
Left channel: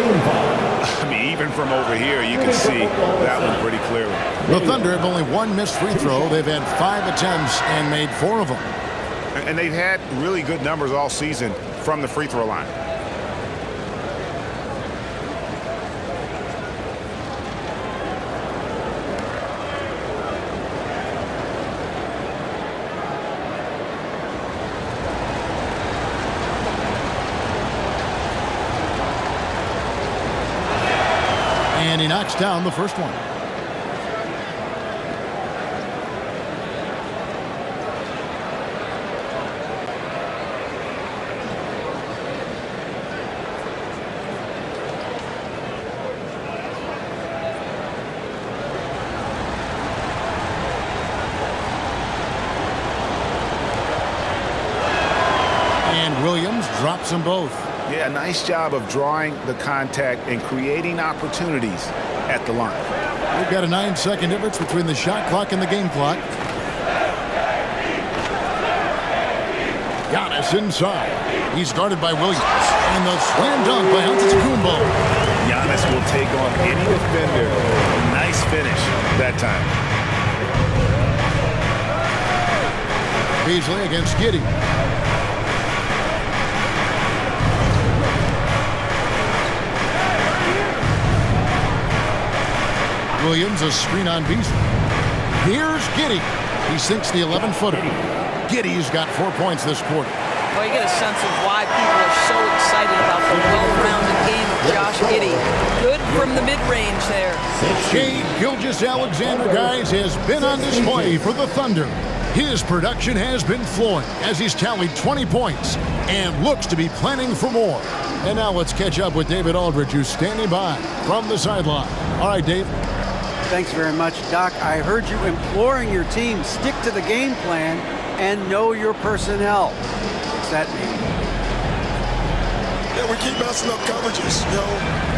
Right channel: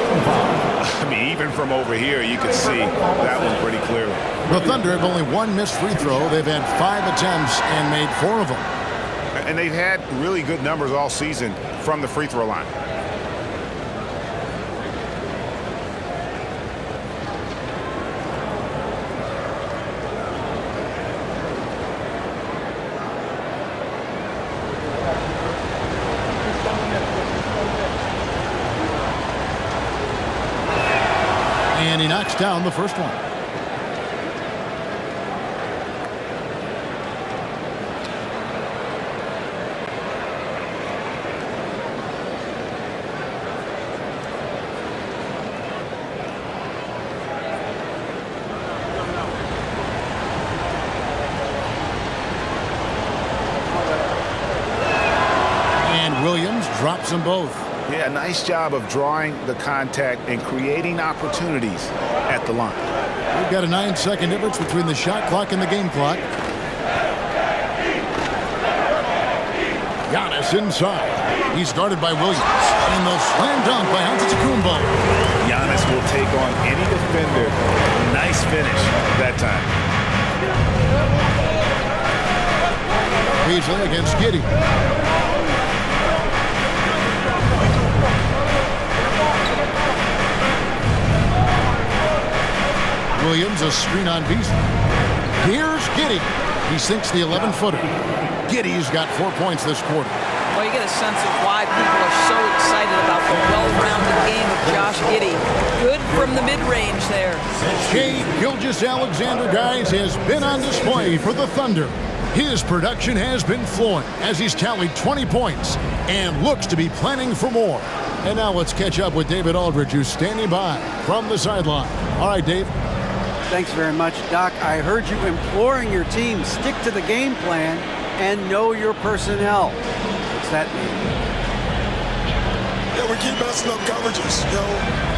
I mean, even from over here, you can see that one pretty clearly. The Thunder have only 1 missed free throw. They've had 5 attempts and made 4 of them. And they've had really good numbers all season from the free throw line. And he knocks down the first one. And Williams drops them both. Yeah, nice job of drawing the contact and creating opportunities at the line. We've got a 9-second difference between the shot clock and the game clock. Giannis inside. He's guarded by Williams. And the slam dunk by Antetokounmpo. Giannis will take on any defender. Nice finish that time. Beasley against Giddey. Williams, a screen on Beasley. Here's Giddey. He sinks the 11-footer. Giddey's got 4 points this quarter. Well, you get a sense of why people are so excited about the well-rounded game of Josh Giddey. Good from the mid-range there. Shai Gilgeous-Alexander, guys, has been on display for the Thunder. His production has been flowing as he's tallied 20 points and looks to be planning for more. And now let's catch up with David Aldridge, who's standing by from the sideline. All right, Dave. Thanks very much, Doc. I heard you imploring your team, stick to the game plan and know your personnel. What's that mean? Yeah, we keep messing up coverages. You know,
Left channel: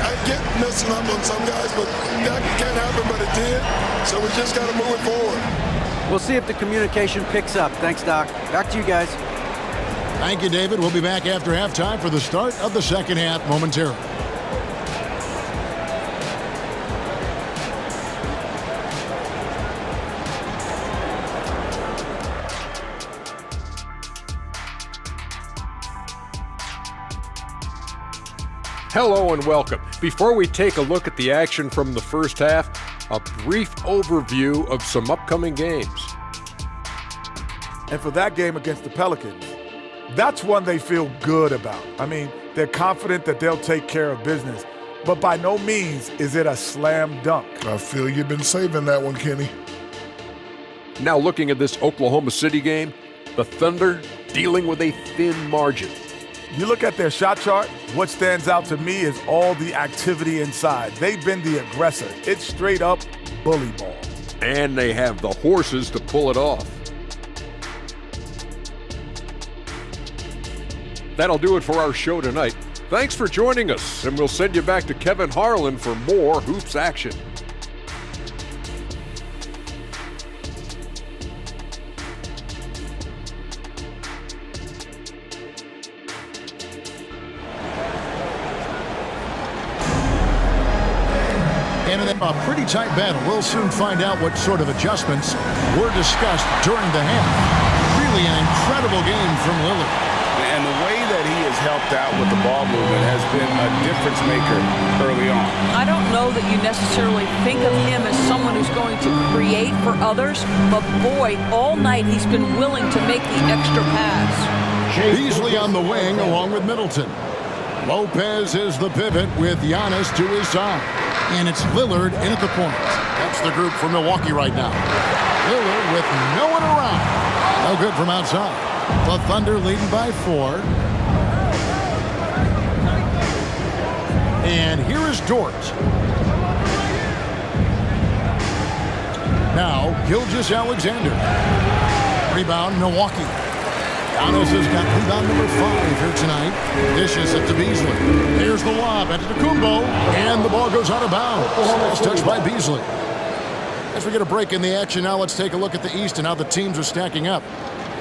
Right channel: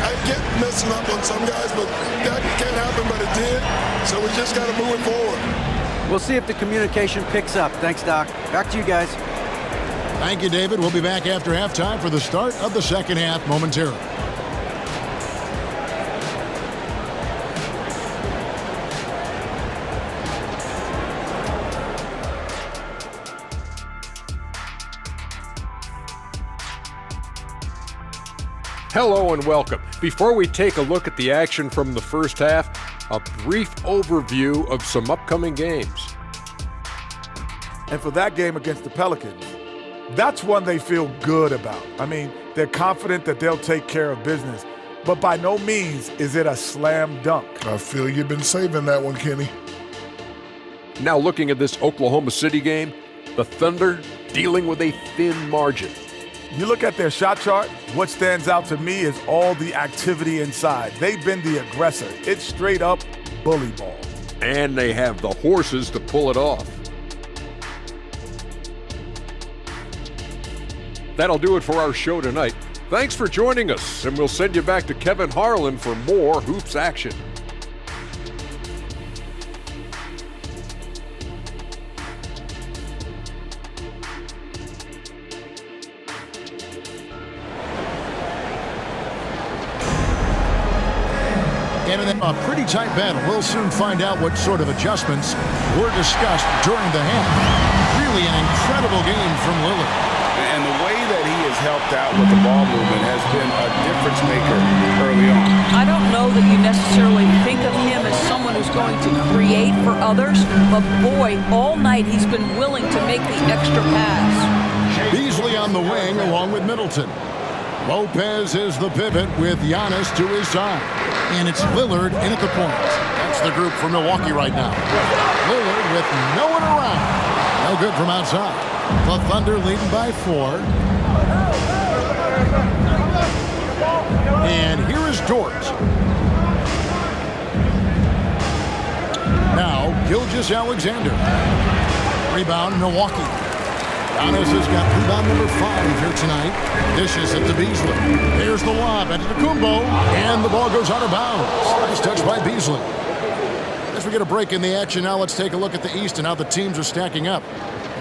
I get messing up on some guys, but that can't happen, but it did. So we just got to move it forward. We'll see if the communication picks up. Thanks, Doc. Back to you guys. Thank you, David. We'll be back after halftime for the start of the second half momentarily. Hello and welcome. Before we take a look at the action from the first half, a brief overview of some upcoming games. And for that game against the Pelicans, that's one they feel good about. I mean, they're confident that they'll take care of business, but by no means is it a slam dunk. I feel you've been saving that one, Kenny. Now looking at this Oklahoma City game, the Thunder dealing with a thin margin. You look at their shot chart, what stands out to me is all the activity inside. They've been the aggressor. It's straight up bully ball. And they have the horses to pull it off. That'll do it for our show tonight. Thanks for joining us, and we'll send you back to Kevin Harlan for more hoops action. And in a pretty tight battle, we'll soon find out what sort of adjustments were discussed during the half. Really an incredible game from Lillard. And the way that he has helped out with the ball movement has been a difference maker early on. I don't know that you necessarily think of him as someone who's going to create for others, but boy, all night he's been willing to make the extra pass. Beasley on the wing along with Middleton. Lopez is the pivot with Giannis to his side. And it's Lillard in at the point. That's the group for Milwaukee right now. Lillard with no one around. No good from outside. The Thunder leading by 4. And here is Dort. Now Gilgeous-Alexander. Rebound Milwaukee. Giannis has got rebound number 5 here tonight. Dishes it to Beasley. Here's the lob at Antetokounmpo, and the ball goes out of bounds. Nice touch by Beasley. As we get a break in the action, now let's take a look at the East and how the teams are stacking up.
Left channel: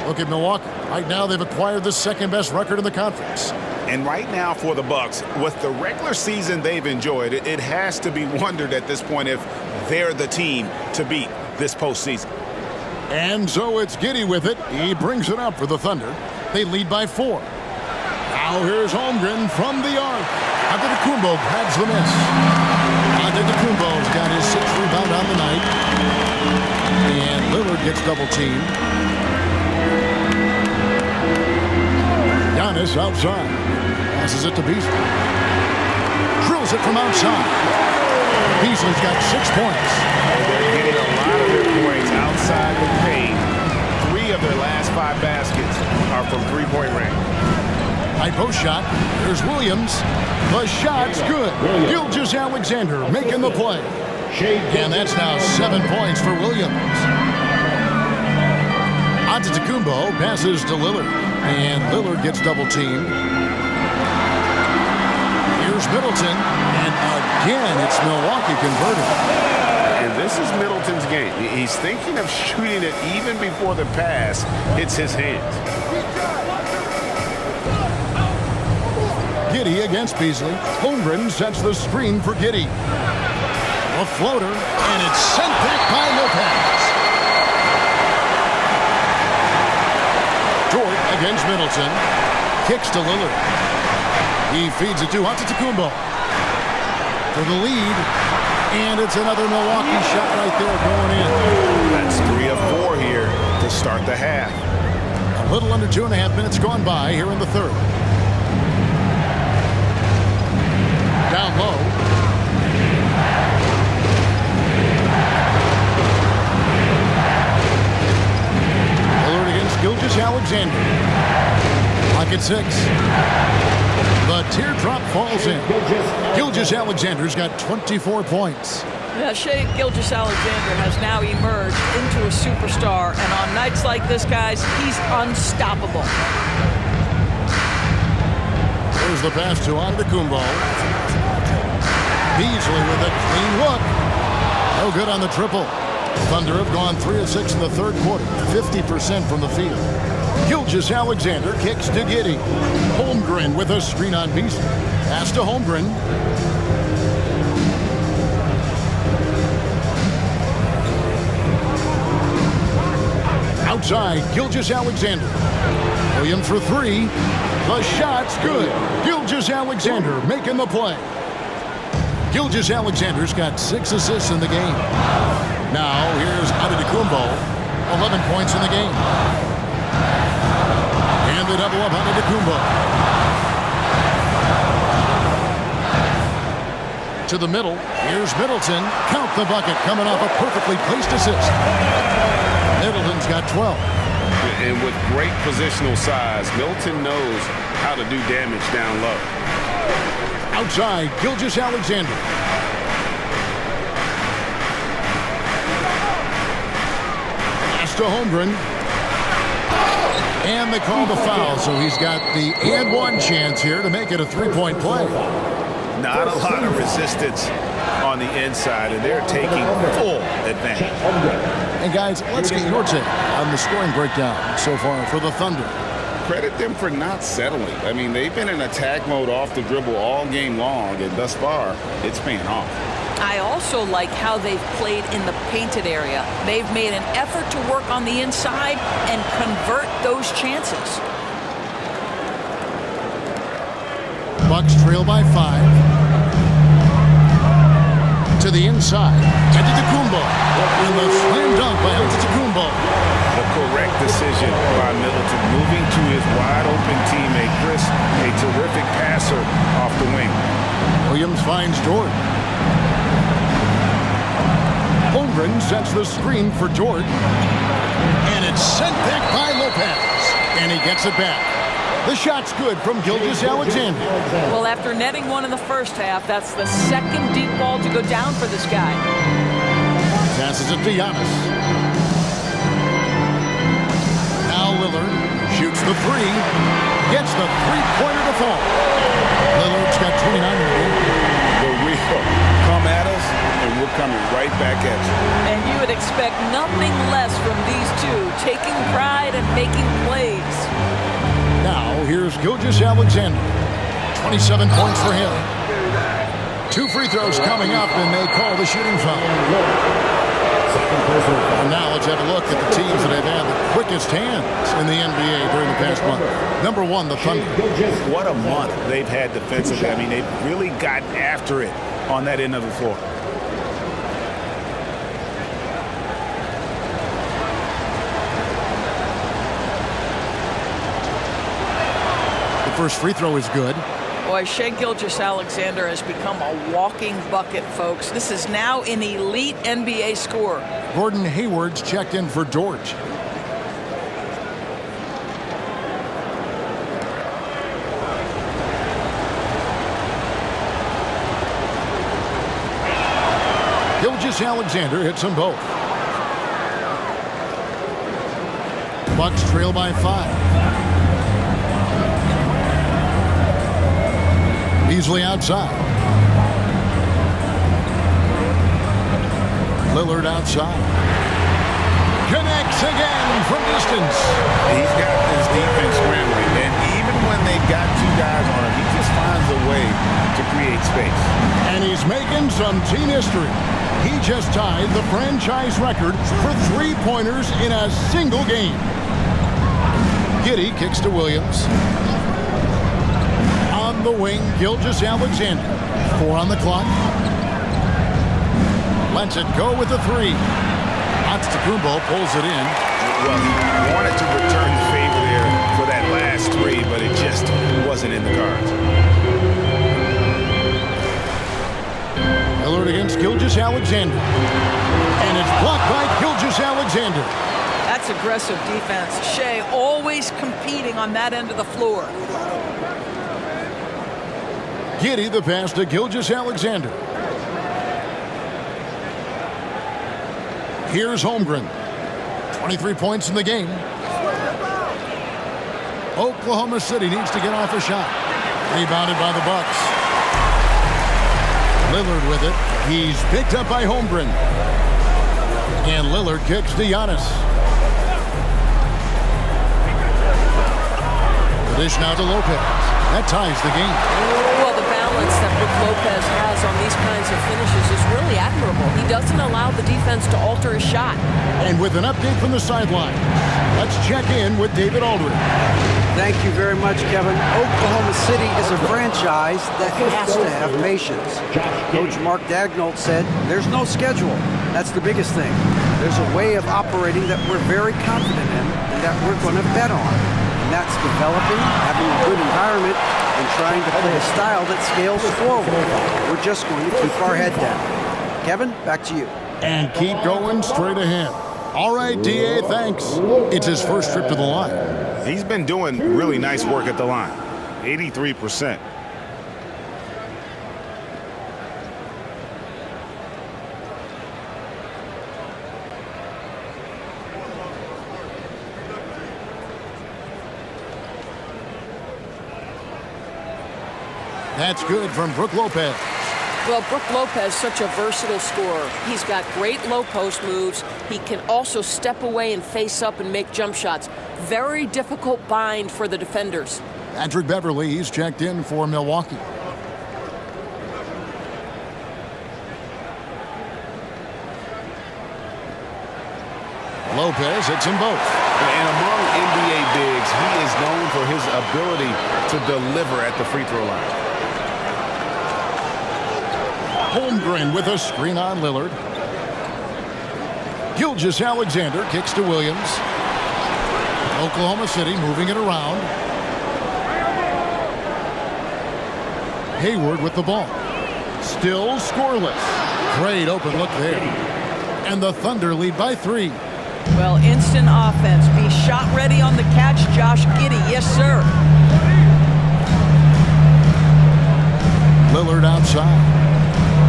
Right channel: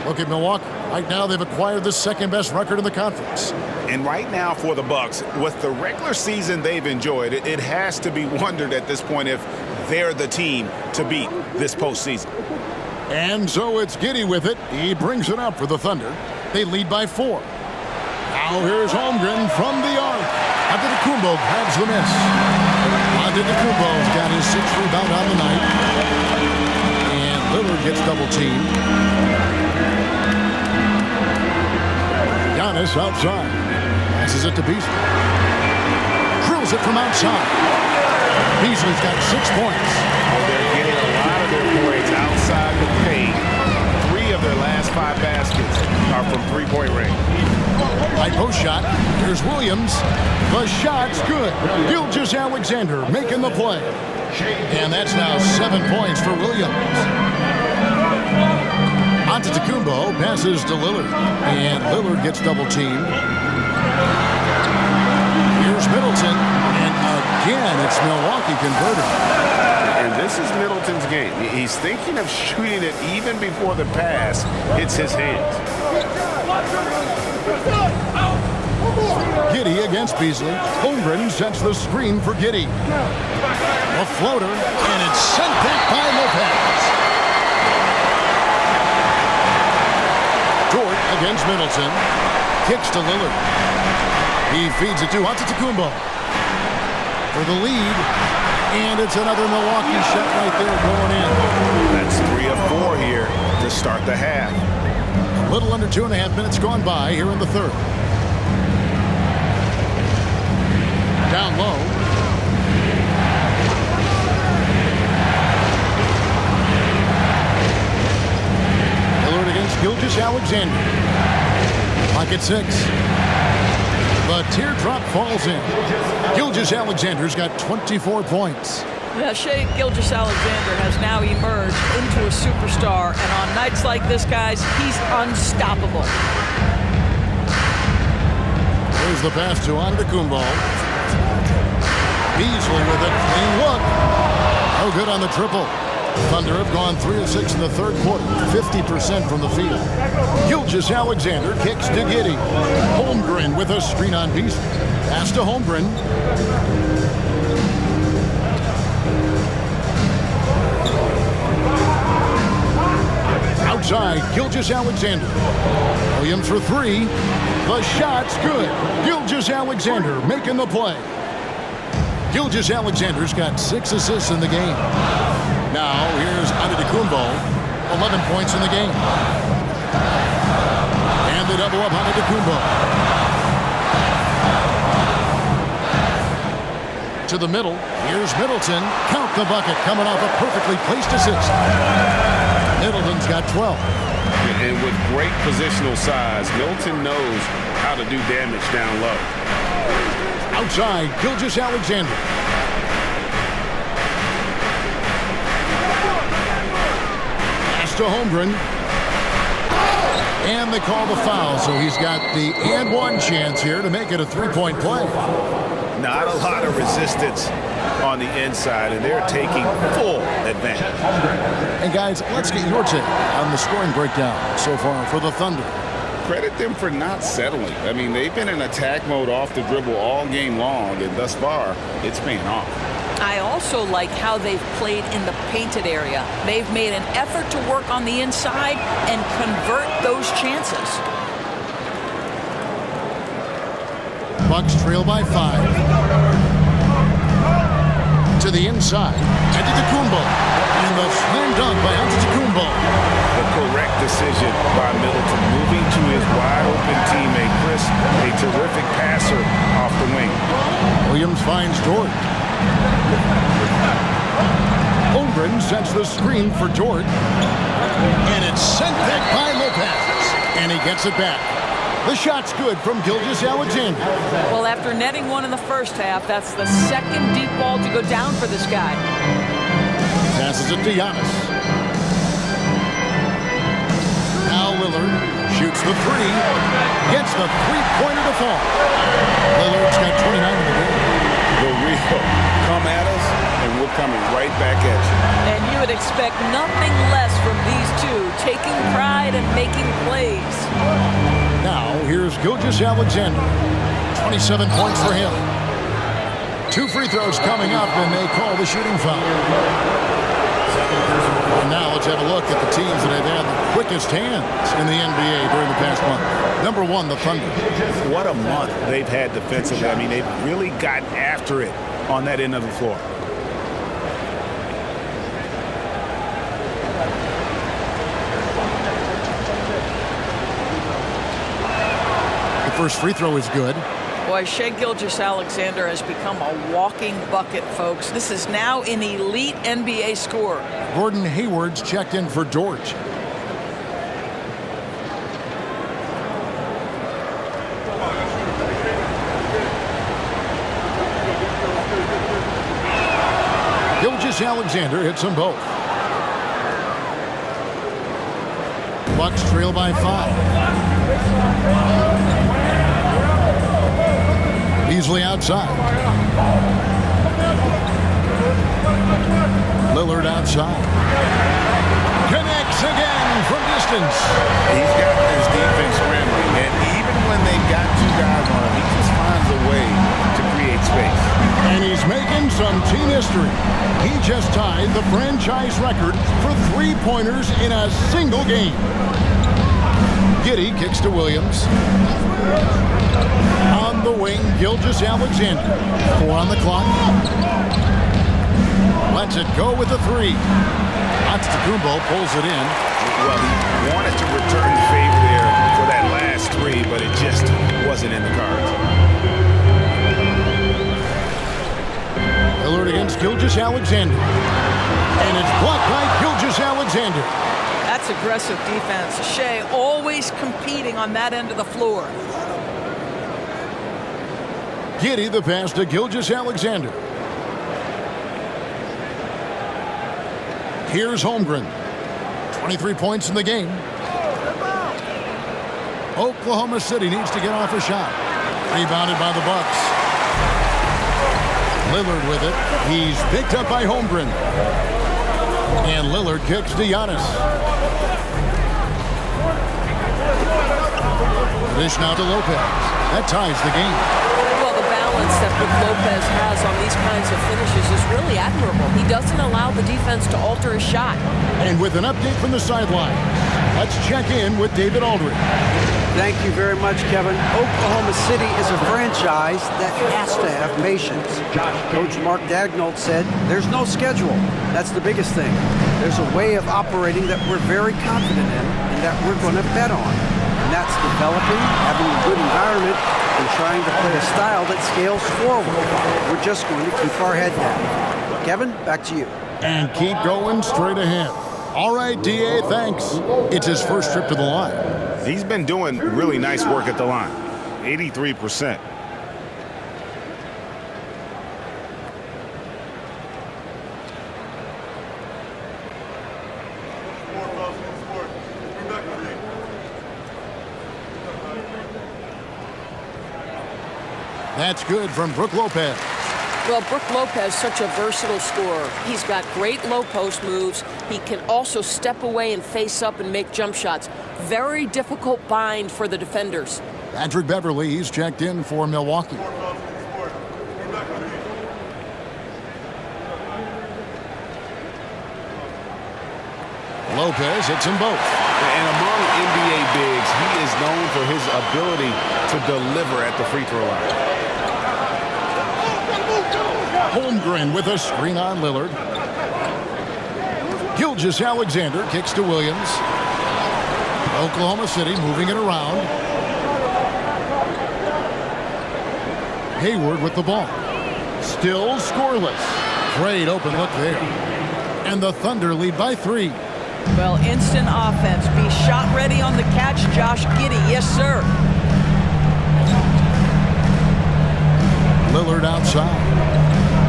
Look at Milwaukee. Right now, they've acquired the second-best record in the conference. And right now for the Bucks, with the regular season they've enjoyed, it has to be wondered at this point if they're the team to beat this postseason. And so it's Giddey with it. He brings it up for the Thunder. They lead by 4. Now here's Holmgren from the arc. Antetokounmpo grabs the miss. Antetokounmpo's got his 6th rebound on the night. And Lillard gets double-teamed. Giannis outside. Passes it to Beasley. Drills it from outside. Beasley's got 6 points. Well, they're getting a lot of their points outside the paint. 3 of their last 5 baskets are from three-point range. High post shot. Here's Williams. The shot's good. Gilgeous-Alexander making the play. And that's now 7 points for Williams. Antetokounmpo passes to Lillard. And Lillard gets double-teamed. Here's Middleton. And again, it's Milwaukee converting. And this is Middleton's game. He's thinking of shooting it even before the pass hits his hands. Giddey against Beasley. Holmgren sets the screen for Giddey. A floater, and it's sent back by Lopez. Dort against Middleton. Kicks to Lillard. He feeds it to Antetokounmpo for the lead. And it's another Milwaukee shot right there going in. That's 3 of 4 here to start the half. A little under 2.5 minutes gone by here in the third. Down low. Lillard against Gilgeous-Alexander. Clock at 6. The teardrop falls in. Gilgeous-Alexander's got 24 points. Yeah, Shai Gilgeous-Alexander has now emerged into a superstar, and on nights like this, guys, he's unstoppable. There's the pass to Antetokounmpo. Beasley with a clean look. No good on the triple. Thunder have gone 3 of 6 in the third quarter, 50% from the field. Gilgeous-Alexander kicks to Giddey. Holmgren with a screen on Beasley. Pass to Holmgren. Outside, Gilgeous-Alexander. Williams for 3. The shot's good. Gilgeous-Alexander making the play. Gilgeous-Alexander's got 6 assists in the game. Now here's Antetokounmpo, 11 points in the game. And they double up Antetokounmpo. To the middle, here's Middleton. Count the bucket, coming off a perfectly placed assist. Middleton's got 12. And with great positional size, Middleton knows how to do damage down low. Outside, Gilgeous-Alexander. Pass to Holmgren. And they call the foul, so he's got the and one chance here to make it a three-point play. Not a lot of resistance on the inside, and they're taking full advantage. And guys, let's get your take on the scoring breakdown so far for the Thunder. Credit them for not settling. I mean, they've been in attack mode off the dribble all game long, and thus far, it's paying off. I also like how they've played in the painted area. They've made an effort to work on the inside and convert those chances. Bucks trail by 5. To the inside, Antetokounmpo. And the slam dunk by Antetokounmpo. The correct decision by Middleton, moving to his wide-open teammate, Chris, a terrific passer off the wing. Williams finds Dort. Holmgren sets the screen for Dort. And it's sent back by Lopez. And he gets it back. The shot's good from Gilgeous-Alexander. Well, after netting one in the first half, that's the second deep ball to go down for this guy. Passes it to Giannis. Now Lillard shoots the 3. Gets the three-pointer to fall. Lillard's got 29 in the game. The real come at us, and we're coming right back at you. And you would expect nothing less from these two, taking pride and making plays. Now, here's Gilgeous-Alexander. 27 points for him. 2 free throws coming up, and they call the shooting foul. And now let's have a look at the teams that have had the quickest hands in the NBA during the past month. Number 1, the Thunder. What a month they've had defensively. I mean, they've really gotten after it on that end of the floor. First free throw is good. Boy, Shai Gilgeous-Alexander has become a walking bucket, folks. This is now an elite NBA scorer. Gordon Hayward's checked in for Dort. Gilgeous-Alexander hits them both. Bucks trail by 5. Beasley outside. Lillard outside. Connects again from distance. He's got this defense scrambling, and even when they've got two guys on him, he just finds a way to create space. And he's making some team history. He just tied the franchise record for three-pointers in a single game. Giddey kicks to Williams. On the wing, Gilgeous-Alexander. 4 on the clock. Lets it go with the 3. Antetokounmpo pulls it in. Well, he wanted to return the favor there for that last 3, but it just wasn't in the cards. Lillard against Gilgeous-Alexander. And it's blocked by Gilgeous-Alexander. That's aggressive defense. Shea always competing on that end of the floor. Giddey the pass to Gilgeous-Alexander. Here's Holmgren. 23 points in the game. Oklahoma City needs to get off a shot. Rebounded by the Bucks. Lillard with it. He's picked up by Holmgren. And Lillard kicks to Giannis. The dish now to Lopez. That ties the game. Well, the balance that Brook Lopez has on these kinds of finishes is really admirable. He doesn't allow the defense to alter his shot. And with an update from the sidelines, let's check in with David Aldridge. Thank you very much, Kevin. Oklahoma City is a franchise that has to have patience. Coach Mark Daigneault said, there's no schedule. That's the biggest thing. There's a way of operating that we're very confident in and that we're going to bet on. And that's developing, having a good environment, and trying to play a style that scales forward. We're just going to keep our head down. Kevin, back to you. And keep going straight ahead. All right, D.A., thanks. It's his first trip to the line. He's been doing really nice work at the line. 83%. That's good from Brook Lopez. Well, Brook Lopez, such a versatile scorer. He's got great low post moves. He can also step away and face up and make jump shots. Very difficult bind for the defenders. Patrick Beverly, he's checked in for Milwaukee. Lopez hits them both. And among NBA bigs, he is known for his ability to deliver at the free throw line. Holmgren with a screen on Lillard. Gilgeous-Alexander kicks to Williams. Oklahoma City moving it around. Hayward with the ball. Still scoreless. Great open look there. And the Thunder lead by 3. Well, instant offense. Be shot ready on the catch, Josh Giddey. Yes, sir. Lillard outside.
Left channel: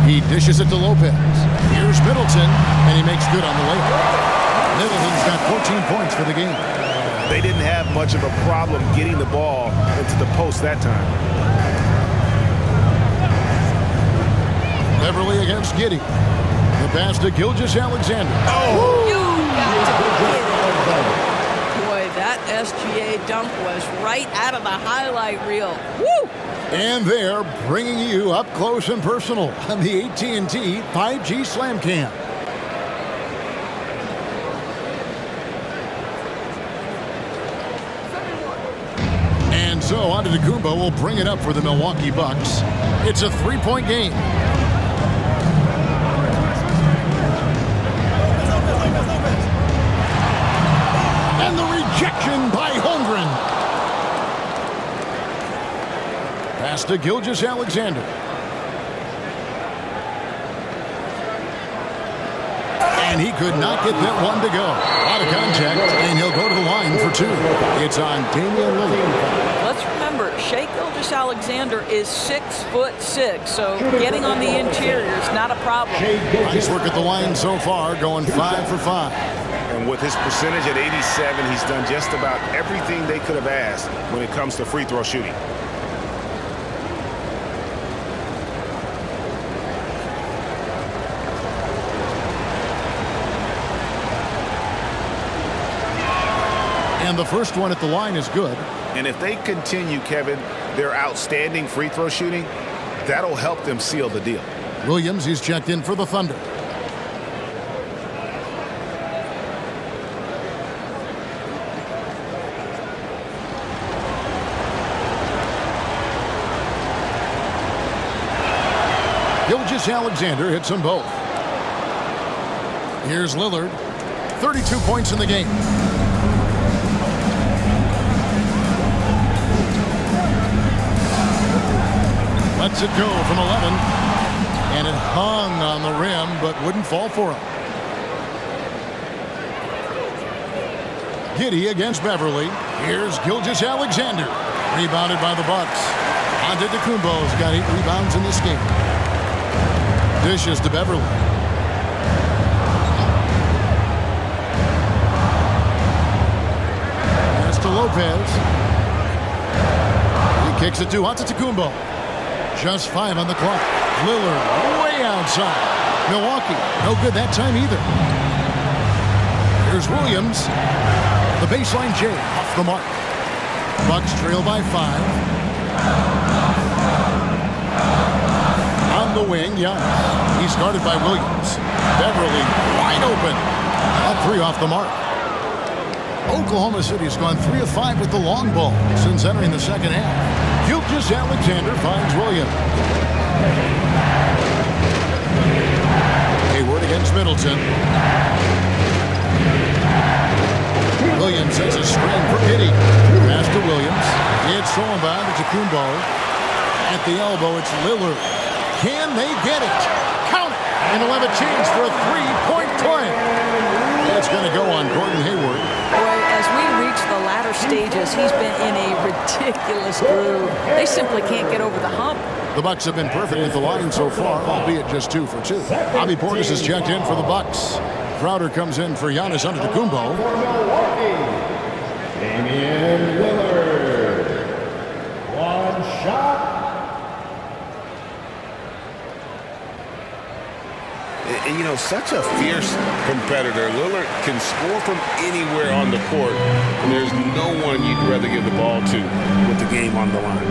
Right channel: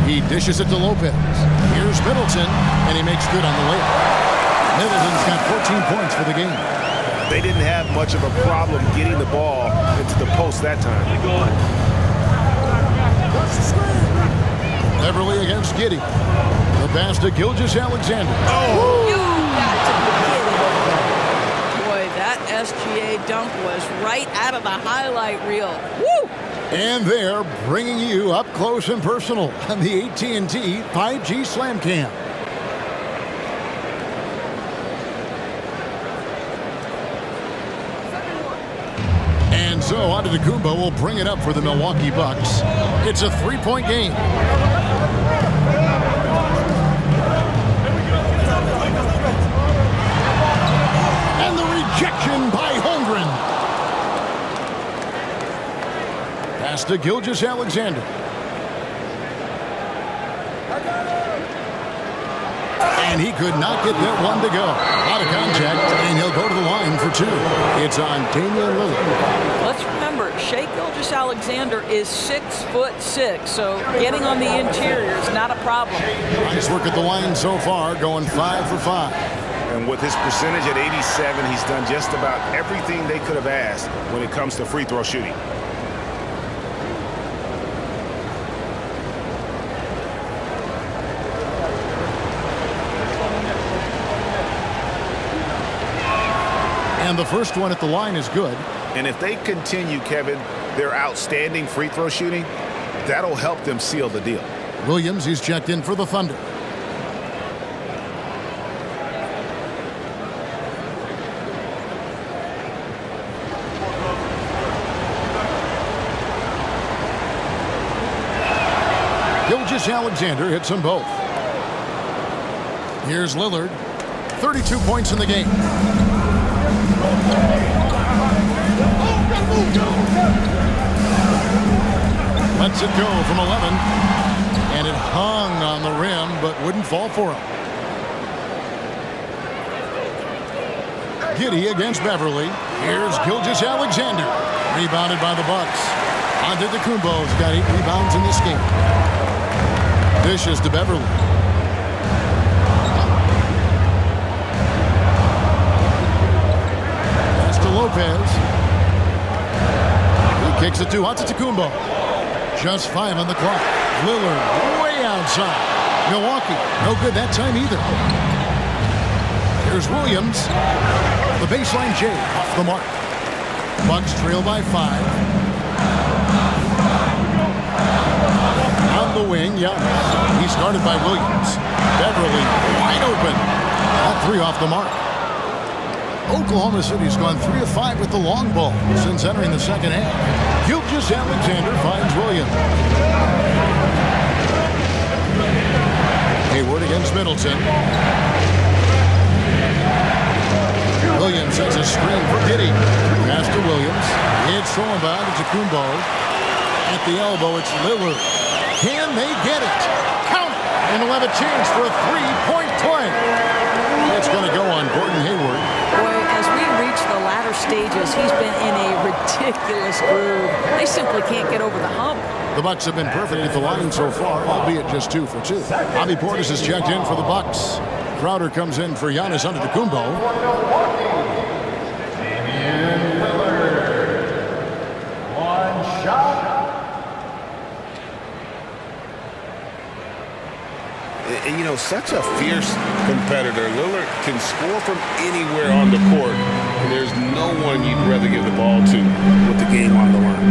He dishes it to Lopez. Here's Middleton, and he makes good on the layup. Middleton's got 14 points for the game. They didn't have much of a problem getting the ball into the post that time. Beverly against Giddey. The pass to Gilgeous-Alexander. Oh! You got to be kidding. Boy, that SGA dunk was right out of the highlight reel. Woo! And they're bringing you up close and personal on the AT&T 5G Slam Cam. And so Antetokounmpo will bring it up for the Milwaukee Bucks. It's a 3-point game. And the rejection by Holmgren. Pass to Gilgeous-Alexander. And he could not get that one to go. Out of contact, and he'll go to the line for 2. It's on Damian Lillard. Let's remember, Shea Gilgeous-Alexander is 6'6", so getting on the interior is not a problem. Nice work at the line so far, going 5 for 5. And with his percentage at 87, he's done just about everything they could have asked when it comes to free throw shooting. And the first one at the line is good. And if they continue, Kevin, their outstanding free throw shooting, that'll help them seal the deal. Williams, he's checked in for the Thunder. Gilgeous-Alexander hits them both. Here's Lillard. 32 points in the game. Lets it go from 11. And it hung on the rim, but wouldn't fall for him. Giddey against Beverly. Here's Gilgeous-Alexander. Rebounded by the Bucks. Antetokounmpo's got 8 rebounds in this game. Dishes to Beverly. Pass to Lopez. He kicks it to Antetokounmpo. Just 5 on the clock. Lillard way outside. Milwaukee, no good that time either. Here's Williams. The baseline J off the mark. Bucks trail by 5. On the wing, Giannis. He's guarded by Williams. Beverly wide open. That 3 off the mark. Oklahoma City's gone 3 of 5 with the long ball since entering the second half. Gilgeous-Alexander finds Williams. Hayward against Middleton. Williams has a screen for Giddey. Pass to Williams. It's thrown by to Kumbo. At the elbow, it's Lillard. Can they get it? Count it! And he'll have a chance for a 3-point play. It's going to go on Gordon Hayward. Boy, as we reach the latter stages, he's been in a ridiculous groove. They simply can't get over the hump. The Bucks have been perfect at the line so far, albeit just 2 for 2. Bobby Portis has checked in for the Bucks. Crowder comes in for Giannis Antetokounmpo. Damian Lillard. One shot. And, you know, such a fierce competitor. Lillard can score from anywhere on the court, and there's no one you'd rather give the ball to with the game on the line.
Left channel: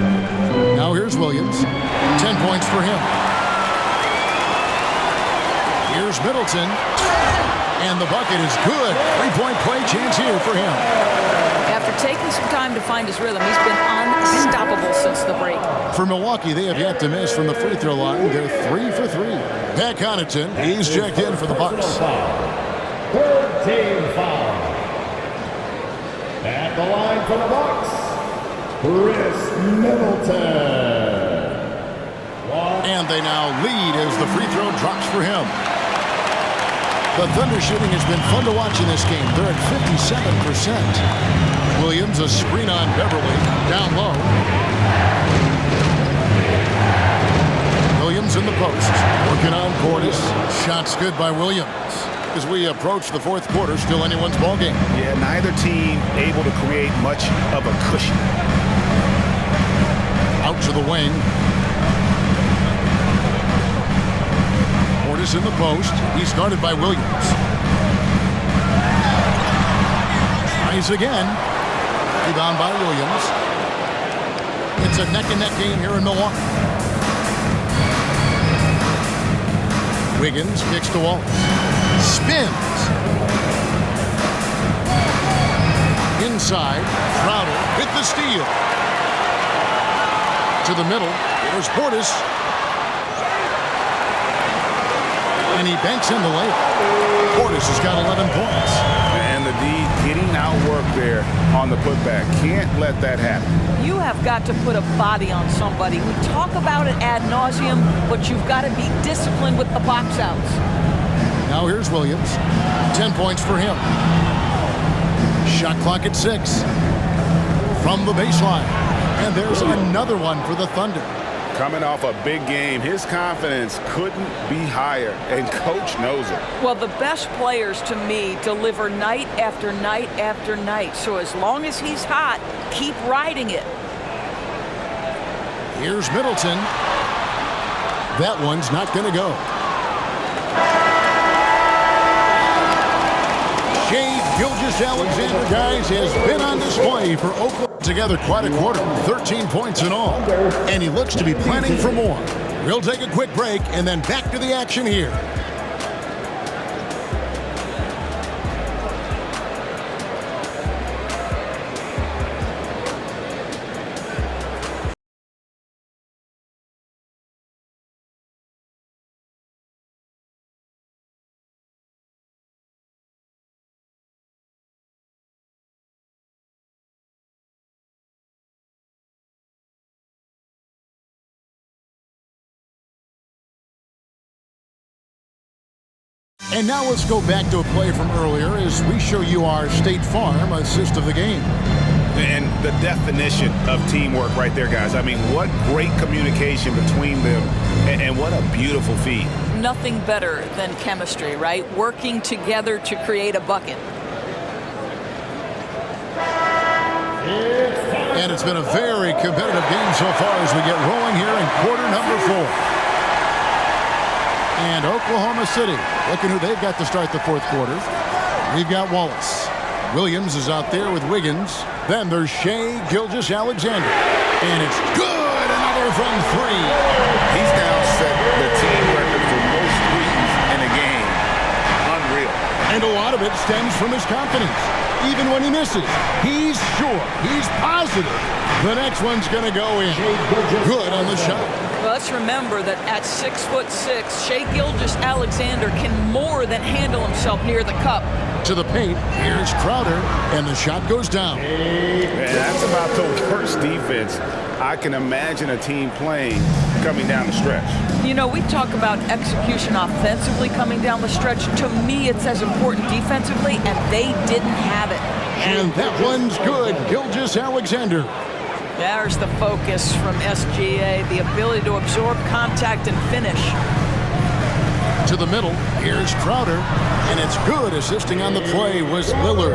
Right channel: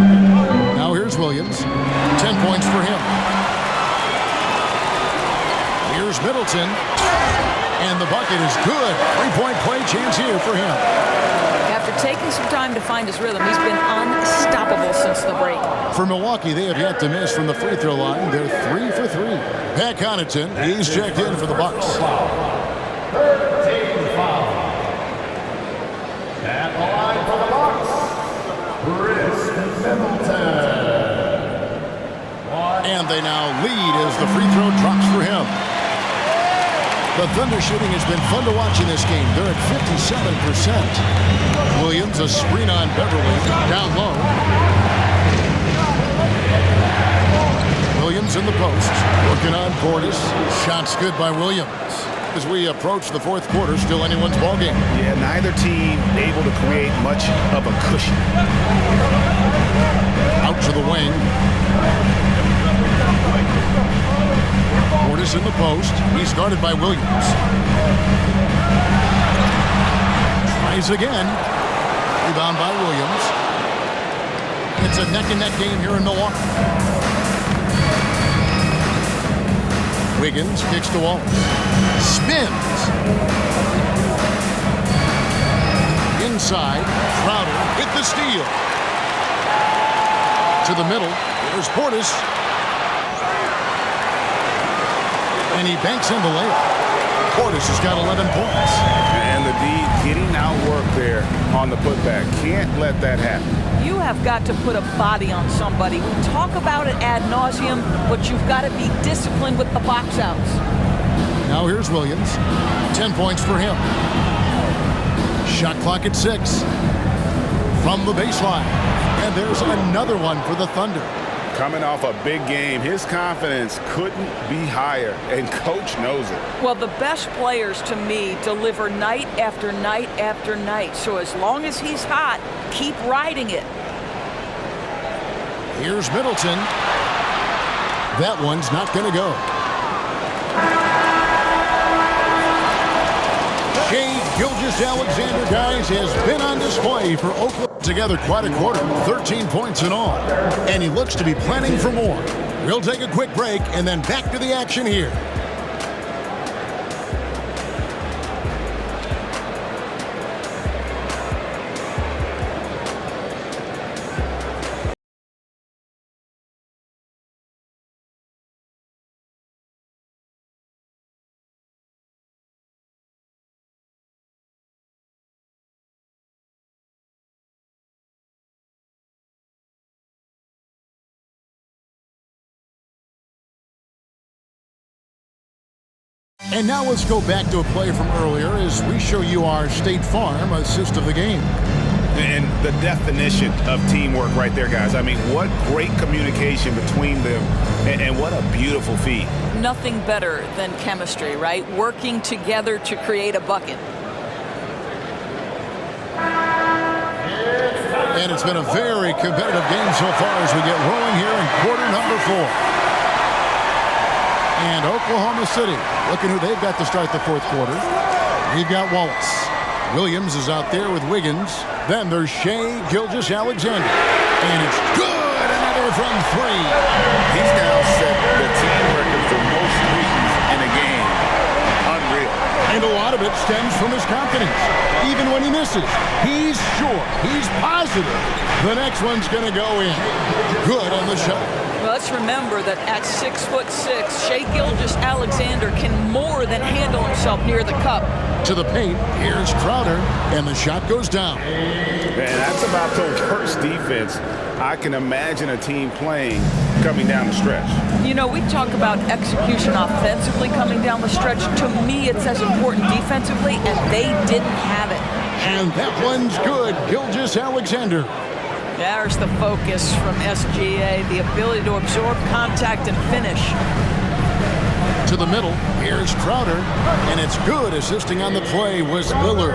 Now here's Williams. 10 points for him. Here's Middleton. And the bucket is good. 3-point play chance here for him. After taking some time to find his rhythm, he's been unstoppable since the break. For Milwaukee, they have yet to miss from the free throw line. They're 3 for 3. Pat Connaughton, he's checked in for the Bucks. 3rd team foul. At the line for the Bucks, Chris Middleton. And they now lead as the free throw drops for him. The Thunder shooting has been fun to watch in this game. They're at 57%. Williams, a screen on Beverly, down low. Williams in the post, working on Portis. Shots good by Williams. As we approach the 4th quarter, still anyone's ball game. Yeah, neither team able to create much of a cushion. Out to the wing. Portis in the post. He's guarded by Williams. Tries again. Rebound by Williams. It's a neck-and-neck game here in Milwaukee. Wiggins kicks to Wallace. Spins. Inside. Crowder with the steal. To the middle. There's Portis. And he banks in the layup. Portis has got 11 points. And the D getting outworked there on the putback. Can't let that happen. You have got to put a body on somebody. We talk about it ad nauseum, but you've got to be disciplined with the box outs. Now here's Williams. 10 points for him. Shot clock at 6. From the baseline. And there's another one for the Thunder. Coming off a big game, his confidence couldn't be higher, and coach knows it. Well, the best players to me deliver night after night after night. So as long as he's hot, keep riding it. Here's Middleton. That one's not going to go. Shai Gilgeous Alexander, guys, has been on display for Oklahoma together quite a quarter, 13 points in all, and he looks to be planning for more. We'll take a quick break and then back to the action here. And now let's go back to a play from earlier as we show you our State Farm assist of the game. And the definition of teamwork right there, guys. I mean, what great communication between them, and what a beautiful feed. Nothing better than chemistry, right? Working together to create a bucket. And it's been a very competitive game so far as we get rolling here in quarter number 4. And Oklahoma City, looking who they've got to start the fourth quarter. We've got Wallace. Williams is out there with Wiggins. Then there's Shea Gilgeous-Alexander. And it's good! Another from 3. He's now set the team record for most threes in a game. Unreal. And a lot of it stems from his confidence. Even when he misses, he's sure, he's positive the next one's going to go in. Good on the shot. Well, let's remember that at 6'6", Shea Gilgeous-Alexander can more than handle himself near the cup. To the paint, here's Crowder, and the shot goes down. Man, that's about the worst defense I can imagine a team playing coming down the stretch. You know, we talk about execution offensively coming down the stretch. To me, it's as important defensively, and they didn't have it. And that one's good. Gilgeous-Alexander. There's the focus from SGA, the ability to absorb contact and finish. To the middle, here's Crowder, and it's good. Assisting on the play was Lillard.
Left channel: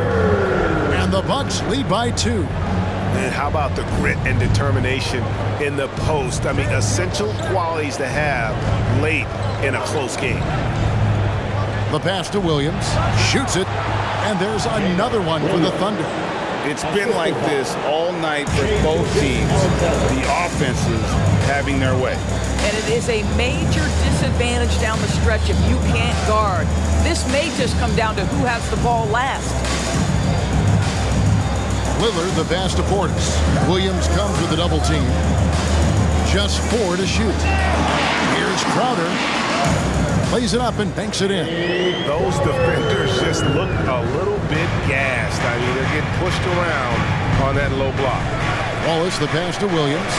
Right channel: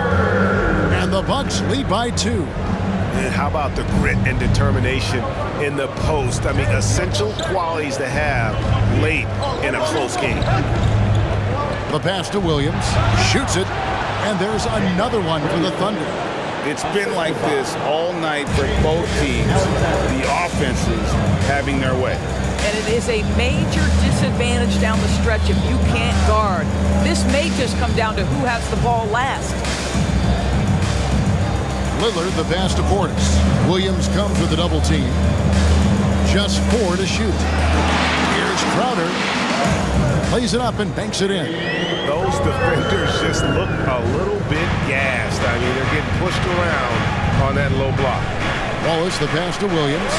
And the Bucks lead by 2. And how about the grit and determination in the post? I mean, essential qualities to have late in a close game. The pass to Williams, shoots it, and there's another one for the Thunder. It's been like this all night for both teams, the offenses having their way. And it is a major disadvantage down the stretch if you can't guard. This may just come down to who has the ball last. Lillard, the pass to Portis. Williams comes with a double team. Just 4 to shoot. Here's Crowder. Plays it up and banks it in. Those defenders just look a little bit gassed. I mean, they're getting pushed around on that low block. Wallace, the pass to Williams.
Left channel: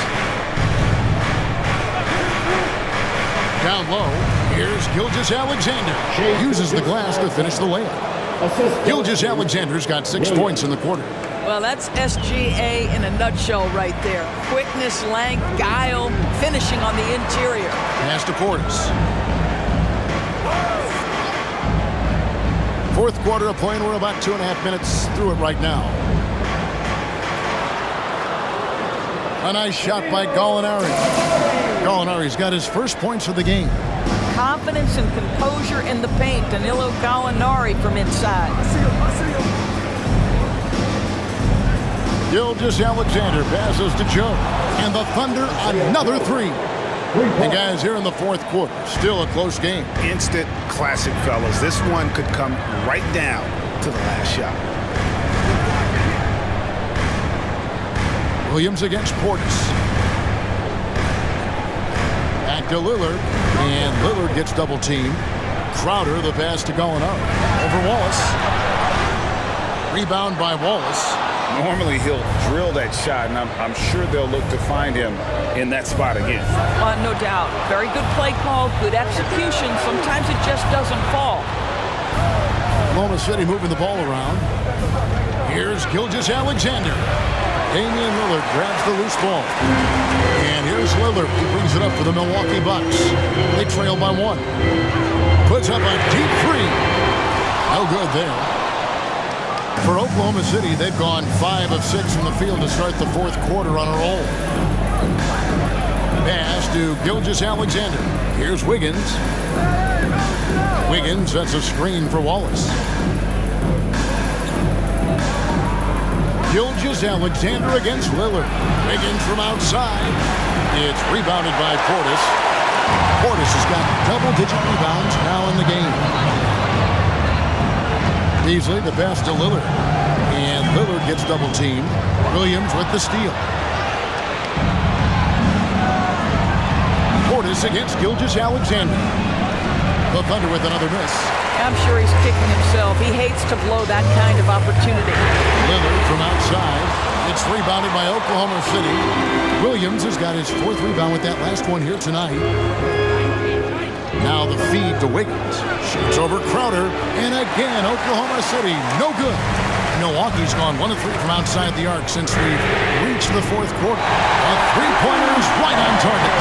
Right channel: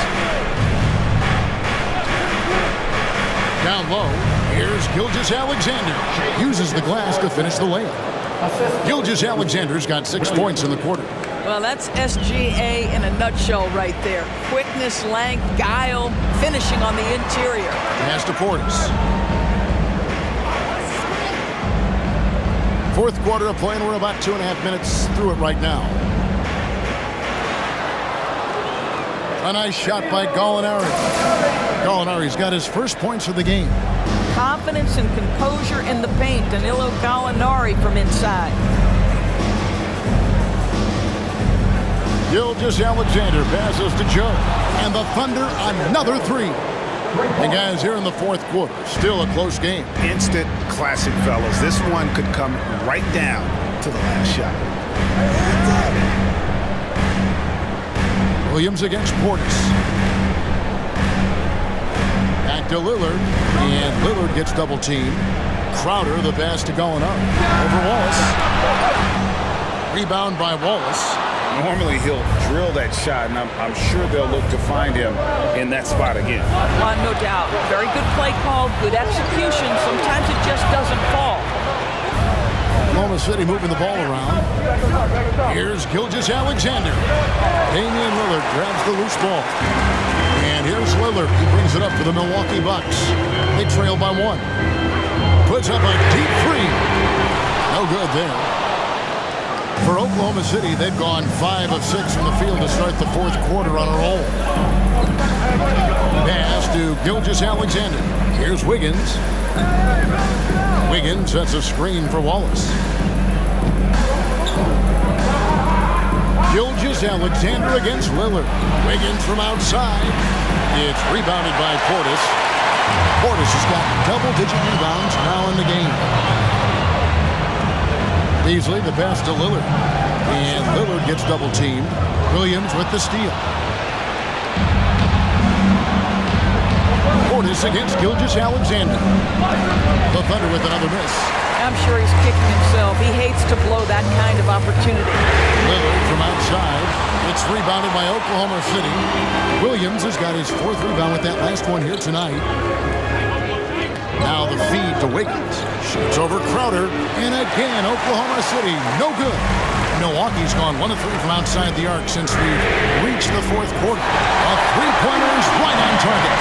Down low, here's Gilgeous-Alexander. Uses the glass to finish the layup. Gilgeous-Alexander's got 6 points in the quarter. Well, that's SGA in a nutshell right there. Quickness, length, guile, finishing on the interior. Pass to Portis. Fourth quarter of play, and we're about 2.5 minutes through it right now. A nice shot by Gallinari. Gallinari's got his first points of the game. Confidence and composure in the paint. Danilo Gallinari from inside. Gilgeous-Alexander passes to Joe. And the Thunder another 3. And guys, here in the fourth quarter, still a close game. Instant classic, fellas. This one could come right down to the last shot. Williams against Portis. Back to Lillard. And Lillard gets double teamed. Crowder, the pass to Gallinari. Over Wallace. Rebound by Wallace. Normally he'll drill that shot, and I'm sure they'll look to find him in that spot again. No doubt. Very good play call, good execution. Sometimes it just doesn't fall. Oklahoma City moving the ball around. Here's Gilgeous-Alexander. Damian Lillard grabs the loose ball. And here's Lillard. He brings it up for the Milwaukee Bucks. They trail by 1. Puts up a deep 3. No good there. For Oklahoma City, they've gone 5 of 6 from the field to start the fourth quarter on a roll. Pass to Gilgeous-Alexander. Here's Wiggins. Wiggins sets a screen for Wallace. Gilgeous-Alexander against Lillard. Wiggins from outside. It's rebounded by Portis. Portis has got double-digit rebounds now in the game. Beasley, the pass to Lillard. And Lillard gets double-teamed. Williams with the steal. Portis against Gilgeous-Alexander. The Thunder with another miss. I'm sure he's kicking himself. He hates to blow that kind of opportunity. Lillard from outside. It's rebounded by Oklahoma City. Williams has got his fourth rebound with that last one here tonight. Now the feed to Wiggins. Shoots over Crowder. And again, Oklahoma City, no good. Milwaukee's gone 1 of 3 from outside the arc since we've reached the fourth quarter. A three-pointer is right on target.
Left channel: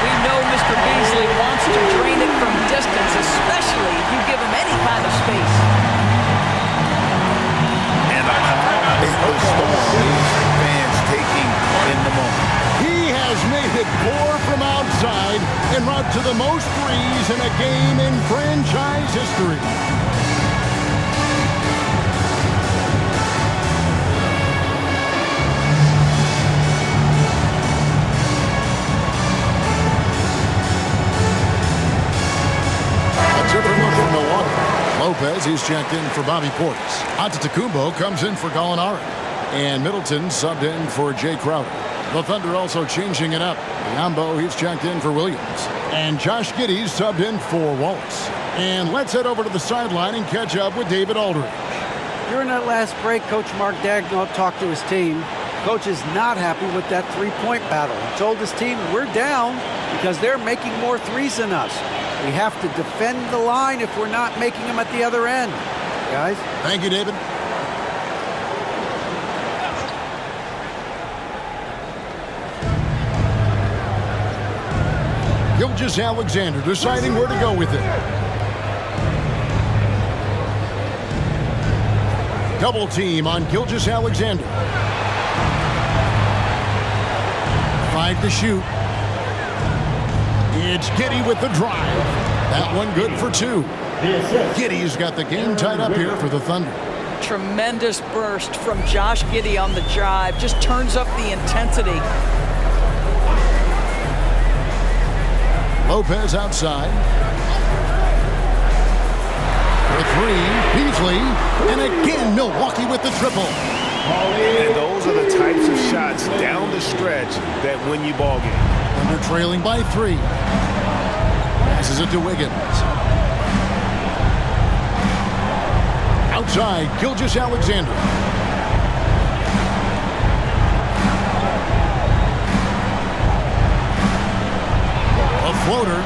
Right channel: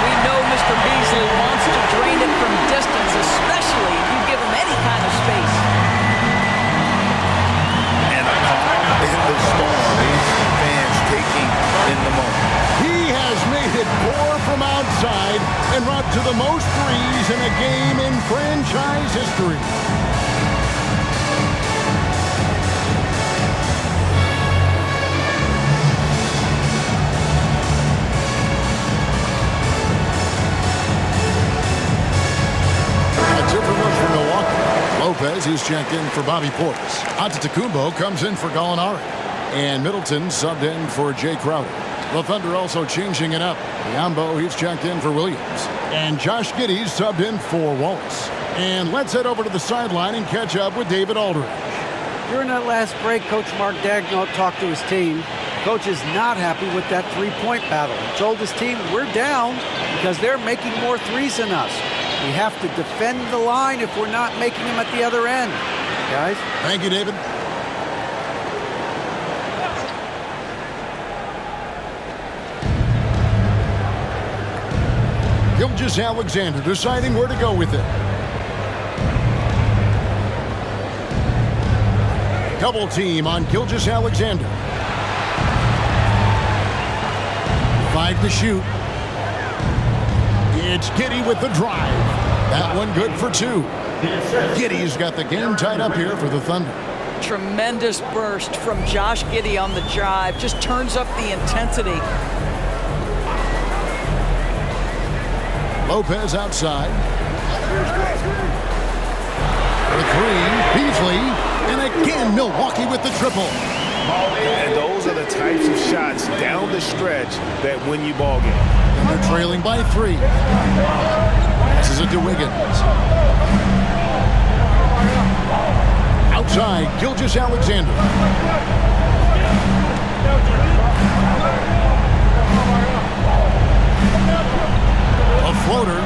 We know Mr. Beasley wants to drain it from distance, especially if you give him any kind of space. And a calm in the storm. These fans taking in the moment. He has made it 4 from outside en route to the most threes in a game in franchise history. Different look for Milwaukee. Lopez, he's checked in for Bobby Portis. Antetokounmpo comes in for Gallinari. And Middleton subbed in for Jay Crowder. The Thunder also changing it up. Biyombo, he's checked in for Williams. And Josh Giddey's subbed in for Wallace. And let's head over to the sideline and catch up with David Aldridge. During that last break, Coach Mark Daigneault talked to his team. Coach is not happy with that three-point battle. He told his team, we're down because they're making more threes than us. We have to defend the line if we're not making them at the other end. Guys? Thank you, David. Gilgeous-Alexander deciding where to go with it. Double team on Gilgeous-Alexander. 5 to shoot. It's Giddey with the drive. That one good for 2. Giddey's got the game tied up here for the Thunder. Tremendous burst from Josh Giddey on the drive. Just turns up the intensity. Lopez outside. For 3, Beasley. And again, Milwaukee with the triple. And those are the types of shots down the stretch that win you ball games. Thunder trailing by 3. Passes it to Wiggins. Outside, Gilgeous-Alexander. A floater,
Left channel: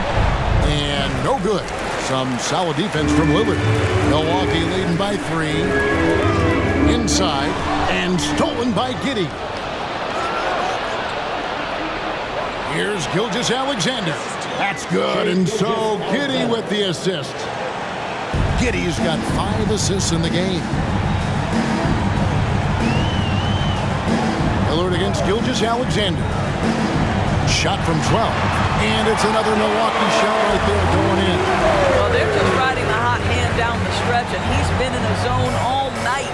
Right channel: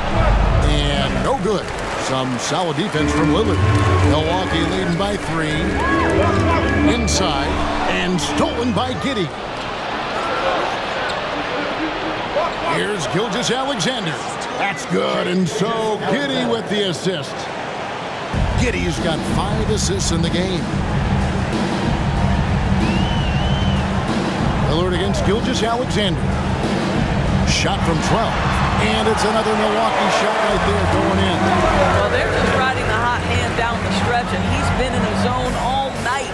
and no good. Some solid defense from Lillard. Milwaukee leading by 3. Inside, and stolen by Giddey. Here's Gilgeous-Alexander. That's good, and so Giddey with the assist. Giddey's got 5 assists in the game. Lillard against Gilgeous-Alexander. Shot from 12, and it's another Milwaukee shot right there going in. Well, they're just riding the hot hand down the stretch, and he's been in a zone all night.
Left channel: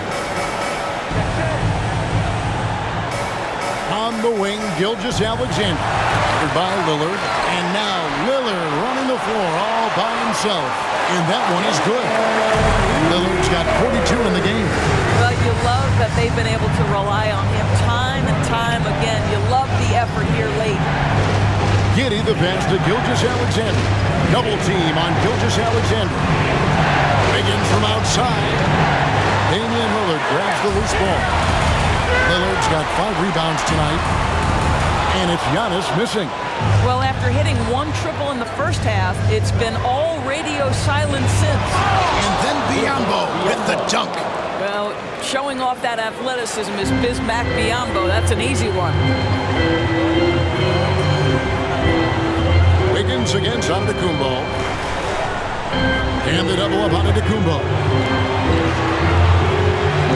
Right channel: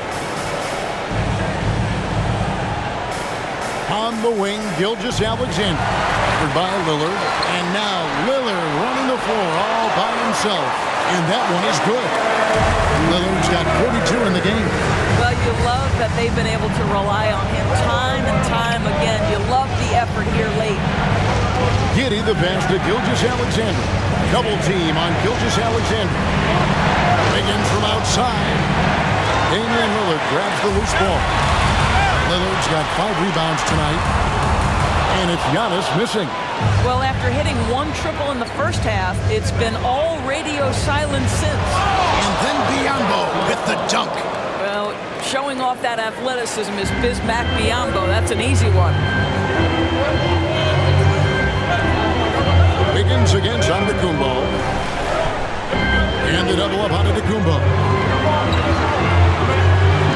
On the wing, Gilgeous-Alexander. Covered by Lillard. And now Lillard running the floor all by himself. And that one is good. Lillard's got 42 in the game. Well, you love that they've been able to rely on him time and time again. You love the effort here late. Giddey the pass to Gilgeous-Alexander. Double team on Gilgeous-Alexander. Wiggins from outside. Damian Lillard grabs the loose ball. Lillard's got 5 rebounds tonight. And it's Giannis missing. Well, after hitting 1 triple in the first half, it's been all radio silent since. And then Biyombo with the dunk. Well, showing off that athleticism is Bismack Biyombo. That's an easy one. Wiggins against Antetokounmpo. And the double up Antetokounmpo.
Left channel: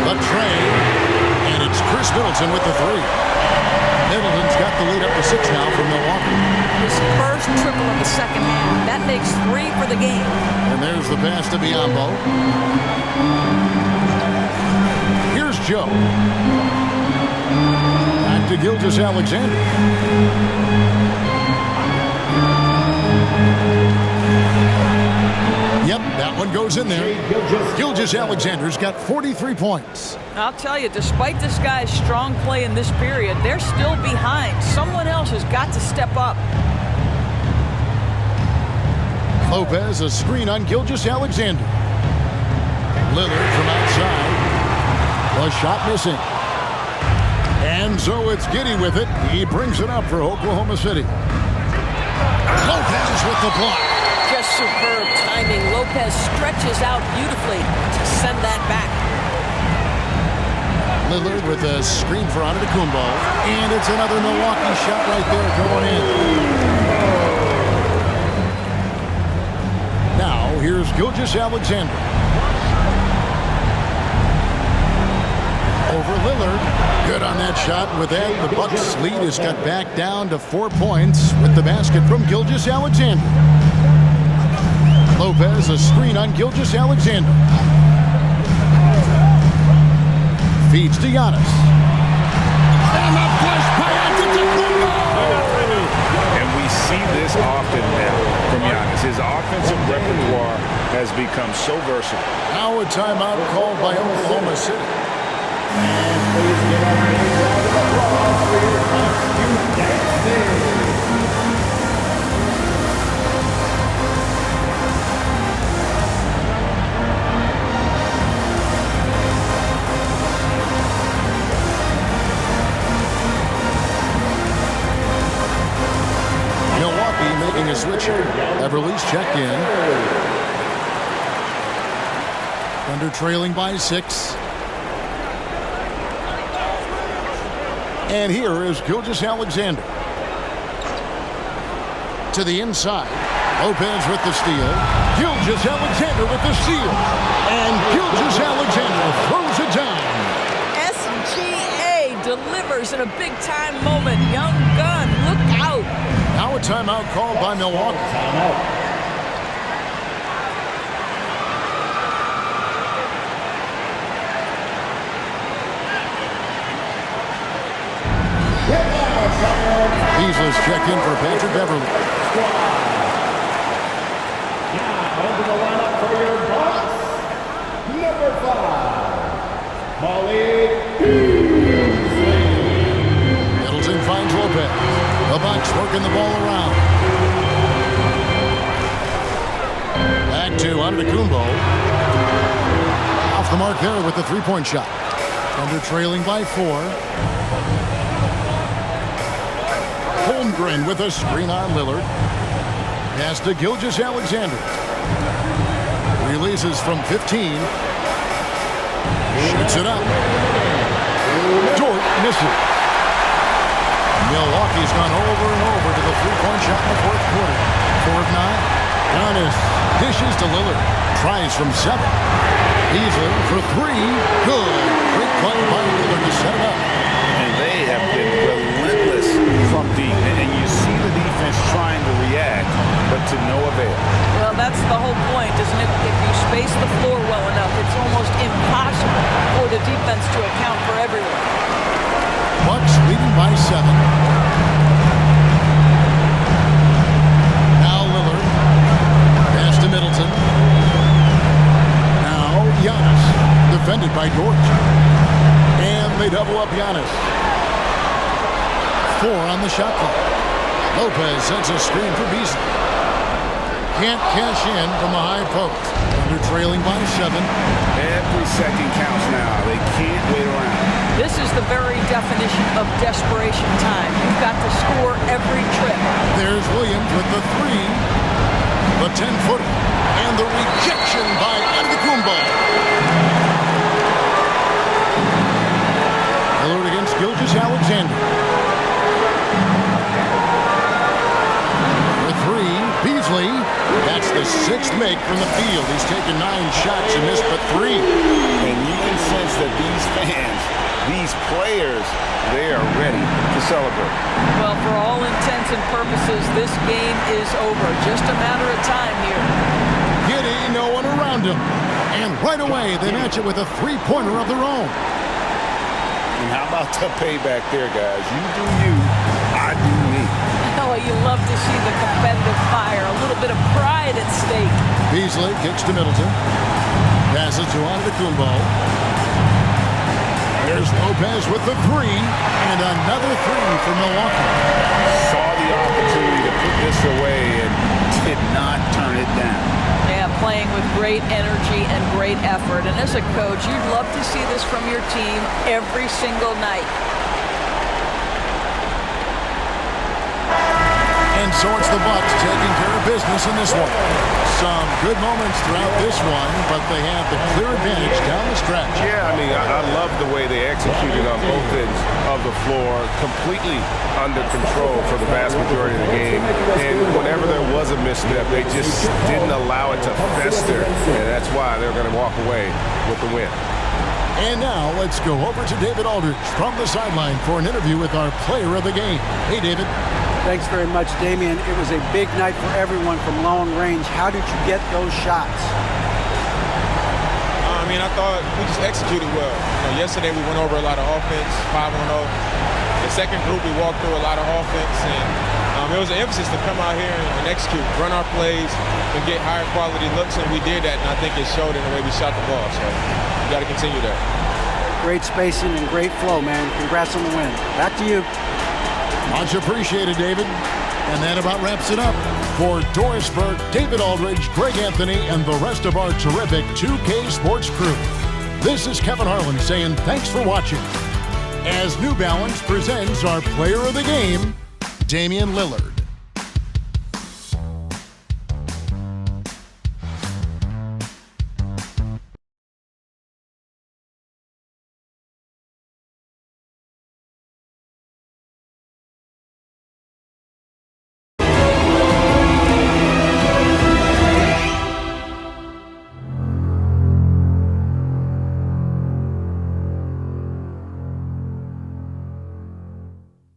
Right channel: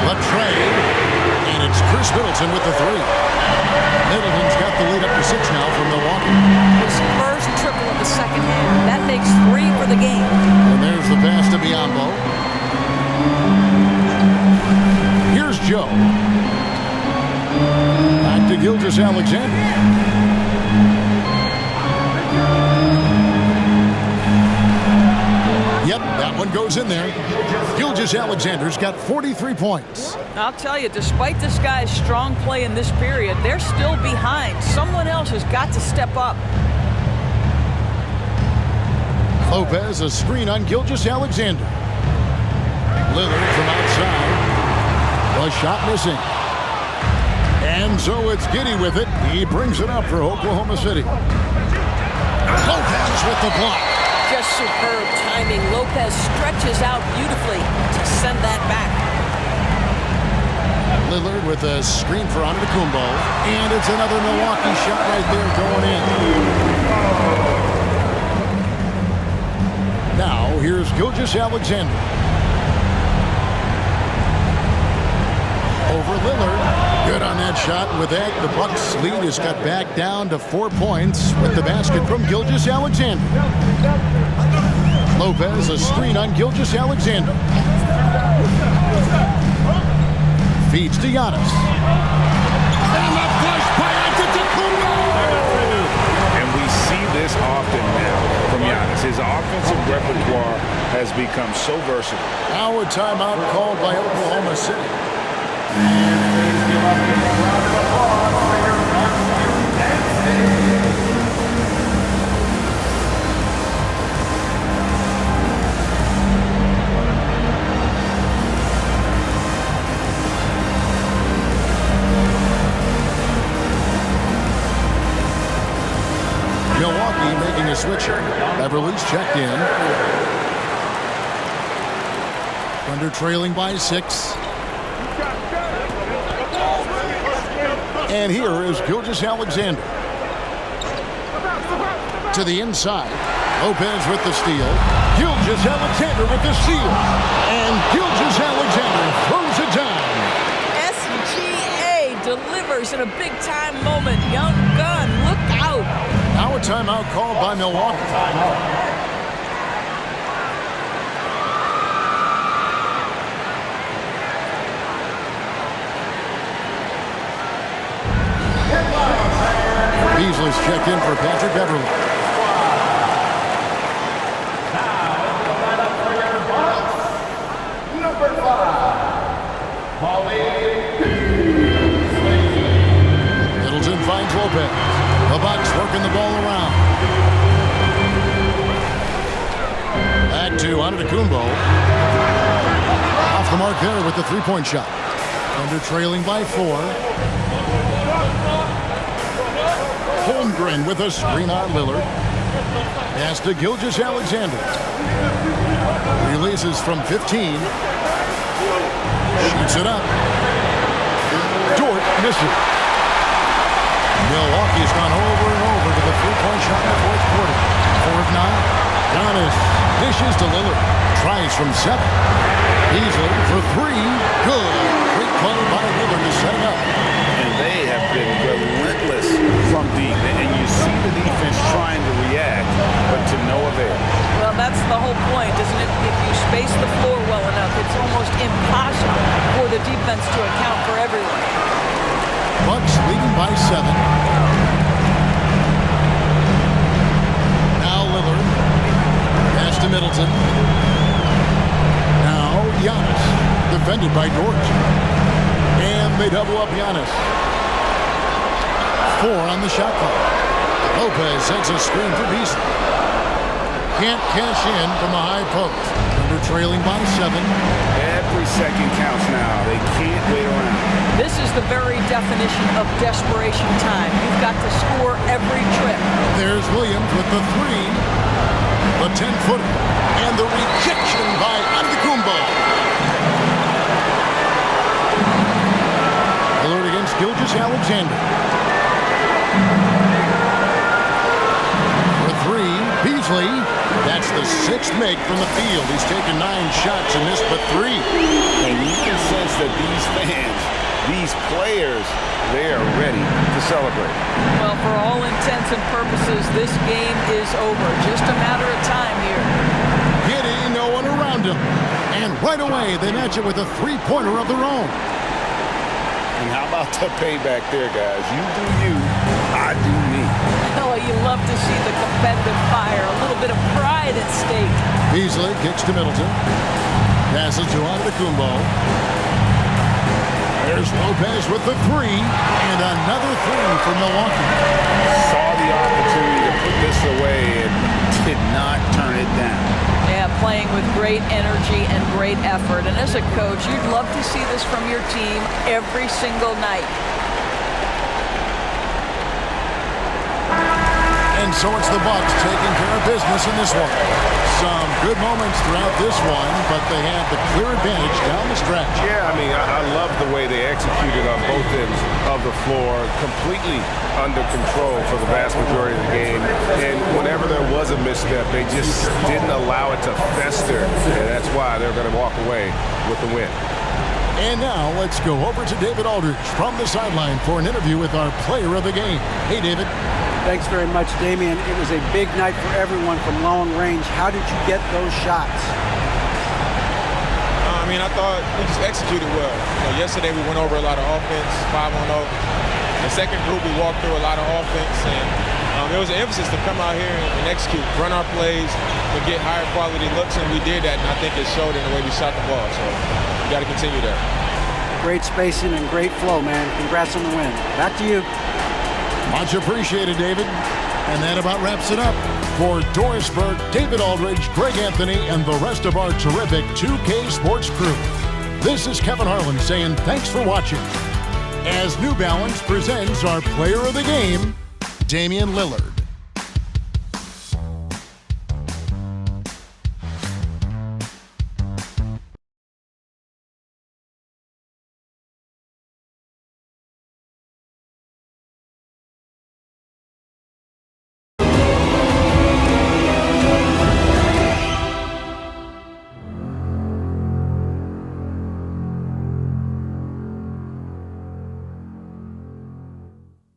The tray. And it's Chris Middleton with the 3. Middleton's got the lead up to 6 now for Milwaukee. His first triple of the second half. That makes 3 for the game. And there's the pass to Biyombo. Here's Joe. Back to Gilgeous-Alexander. Yep, that one goes in there. Gilgeous-Alexander's got 43 points. I'll tell you, despite this guy's strong play in this period, they're still behind. Someone else has got to step up. Lopez, a screen on Gilgeous-Alexander. Lillard from outside. The shot missing. And so it's Giddey with it. He brings it up for Oklahoma City. Lopez with the block. Just superb timing. Lopez stretches out beautifully to send that back. Lillard with a screen for Antetokounmpo. And it's another Milwaukee shot right there going in. Now, here's Gilgeous-Alexander. Over Lillard. Good on that shot. With that, the Bucks' lead is cut back down to 4 points with the basket from Gilgeous-Alexander. Lopez, a screen on Gilgeous-Alexander. Feeds to Giannis. And the flush by Antetokounmpo! And we see this often now from Giannis. His offensive repertoire has become so versatile. Now a timeout called by Oklahoma City. Please give a big round of applause for your costume dancing. Milwaukee making a switch. Everly's checked in. Thunder trailing by 6. And here is Gilgeous-Alexander. To the inside. Lopez with the steal. Gilgeous-Alexander with the steal. And Gilgeous-Alexander throws it down. SGA delivers in a big-time moment. Young gun, look out. Now a timeout called by Milwaukee. Beasley's checked in for Patrick Beverly. Now into the lineup for your Bucks, number 5, Molly Beasley. Middleton finds Lopez. The Bucks working the ball around. Back to Antetokounmpo. Off the mark there with the three-point shot. Thunder trailing by 4. Holmgren with a screen on Lillard. Pass to Gilgeous-Alexander. Releases from 15. Shoots it up. Dort misses. Milwaukee's gone over and over to the three-point shot in the fourth quarter. 4 of 9. Giannis dishes to Lillard. Tries from 7. Beasley for 3. Good. Great play by Lillard to set it up. And they have been relentless from deep. And you see the defense trying to react, but to no avail. Well, that's the whole point, isn't it? If you space the floor well enough, it's almost impossible for the defense to account for everyone. Bucks leading by 7. Now Lillard. Pass to Middleton. Now Giannis. Defended by Dort. And they double up Giannis. 4 on the shot clock. Lopez sets a screen for Beasley. Can't cash in from the high post. Thunder trailing by 7. Every second counts now. They can't wait around. This is the very definition of desperation time. You've got to score every trip. There's Williams with the 3. The 10-footer. And the rejection by Antetokounmpo. Lillard against Gilgeous-Alexander. For 3, Beasley. That's the 6th make from the field. He's taken 9 shots and missed but 3. And you can sense that these fans, these players, they are ready to celebrate. Well, for all intents and purposes, this game is over. Just a matter of time here. Giddey, no one around him. And right away, they match it with a three-pointer of their own. And how about the payback there, guys? You do you, I do me. Oh, you love to see the competitive fire. A little bit of pride at stake. Beasley kicks to Middleton. Passes to Antetokounmpo. There's Lopez with the three, and another three for Milwaukee. Saw the opportunity to put this away and did not turn it down. Yeah, playing with great energy and great effort. And as a coach, you'd love to see this from your team every single night. And so it's the Bucks taking care of business in this one. Some good moments throughout this one, but they had the clear advantage down the stretch. Yeah, I mean, I love the way they executed on both ends of the floor, completely under control for the vast majority of the game. And whenever there was a misstep, they just didn't allow it to fester. And that's why they're going to walk away with the win. And now let's go over to David Aldridge from the sideline for an interview with our player of the game. Hey, David. Thanks very much, Damian. It was a big night for everyone from long range. How did you get those shots? I thought we just executed well. Yesterday we went over a lot of offense, 5-on-0. The second group we walked through a lot of offense, and it was an emphasis to come out here and execute, run our plays, and get higher quality looks, and we did that, and I think it showed in the way we shot the ball. So we got to continue that. Great spacing and great flow, man. Congrats on the win. Back to you. Much appreciated, David. And that about wraps it up. For Doris Burke, David Aldridge, Greg Anthony, and the rest of our terrific 2K Sports crew, this is Kevin Harlan saying thanks for watching as New Balance presents our player of the game, Damian Lillard.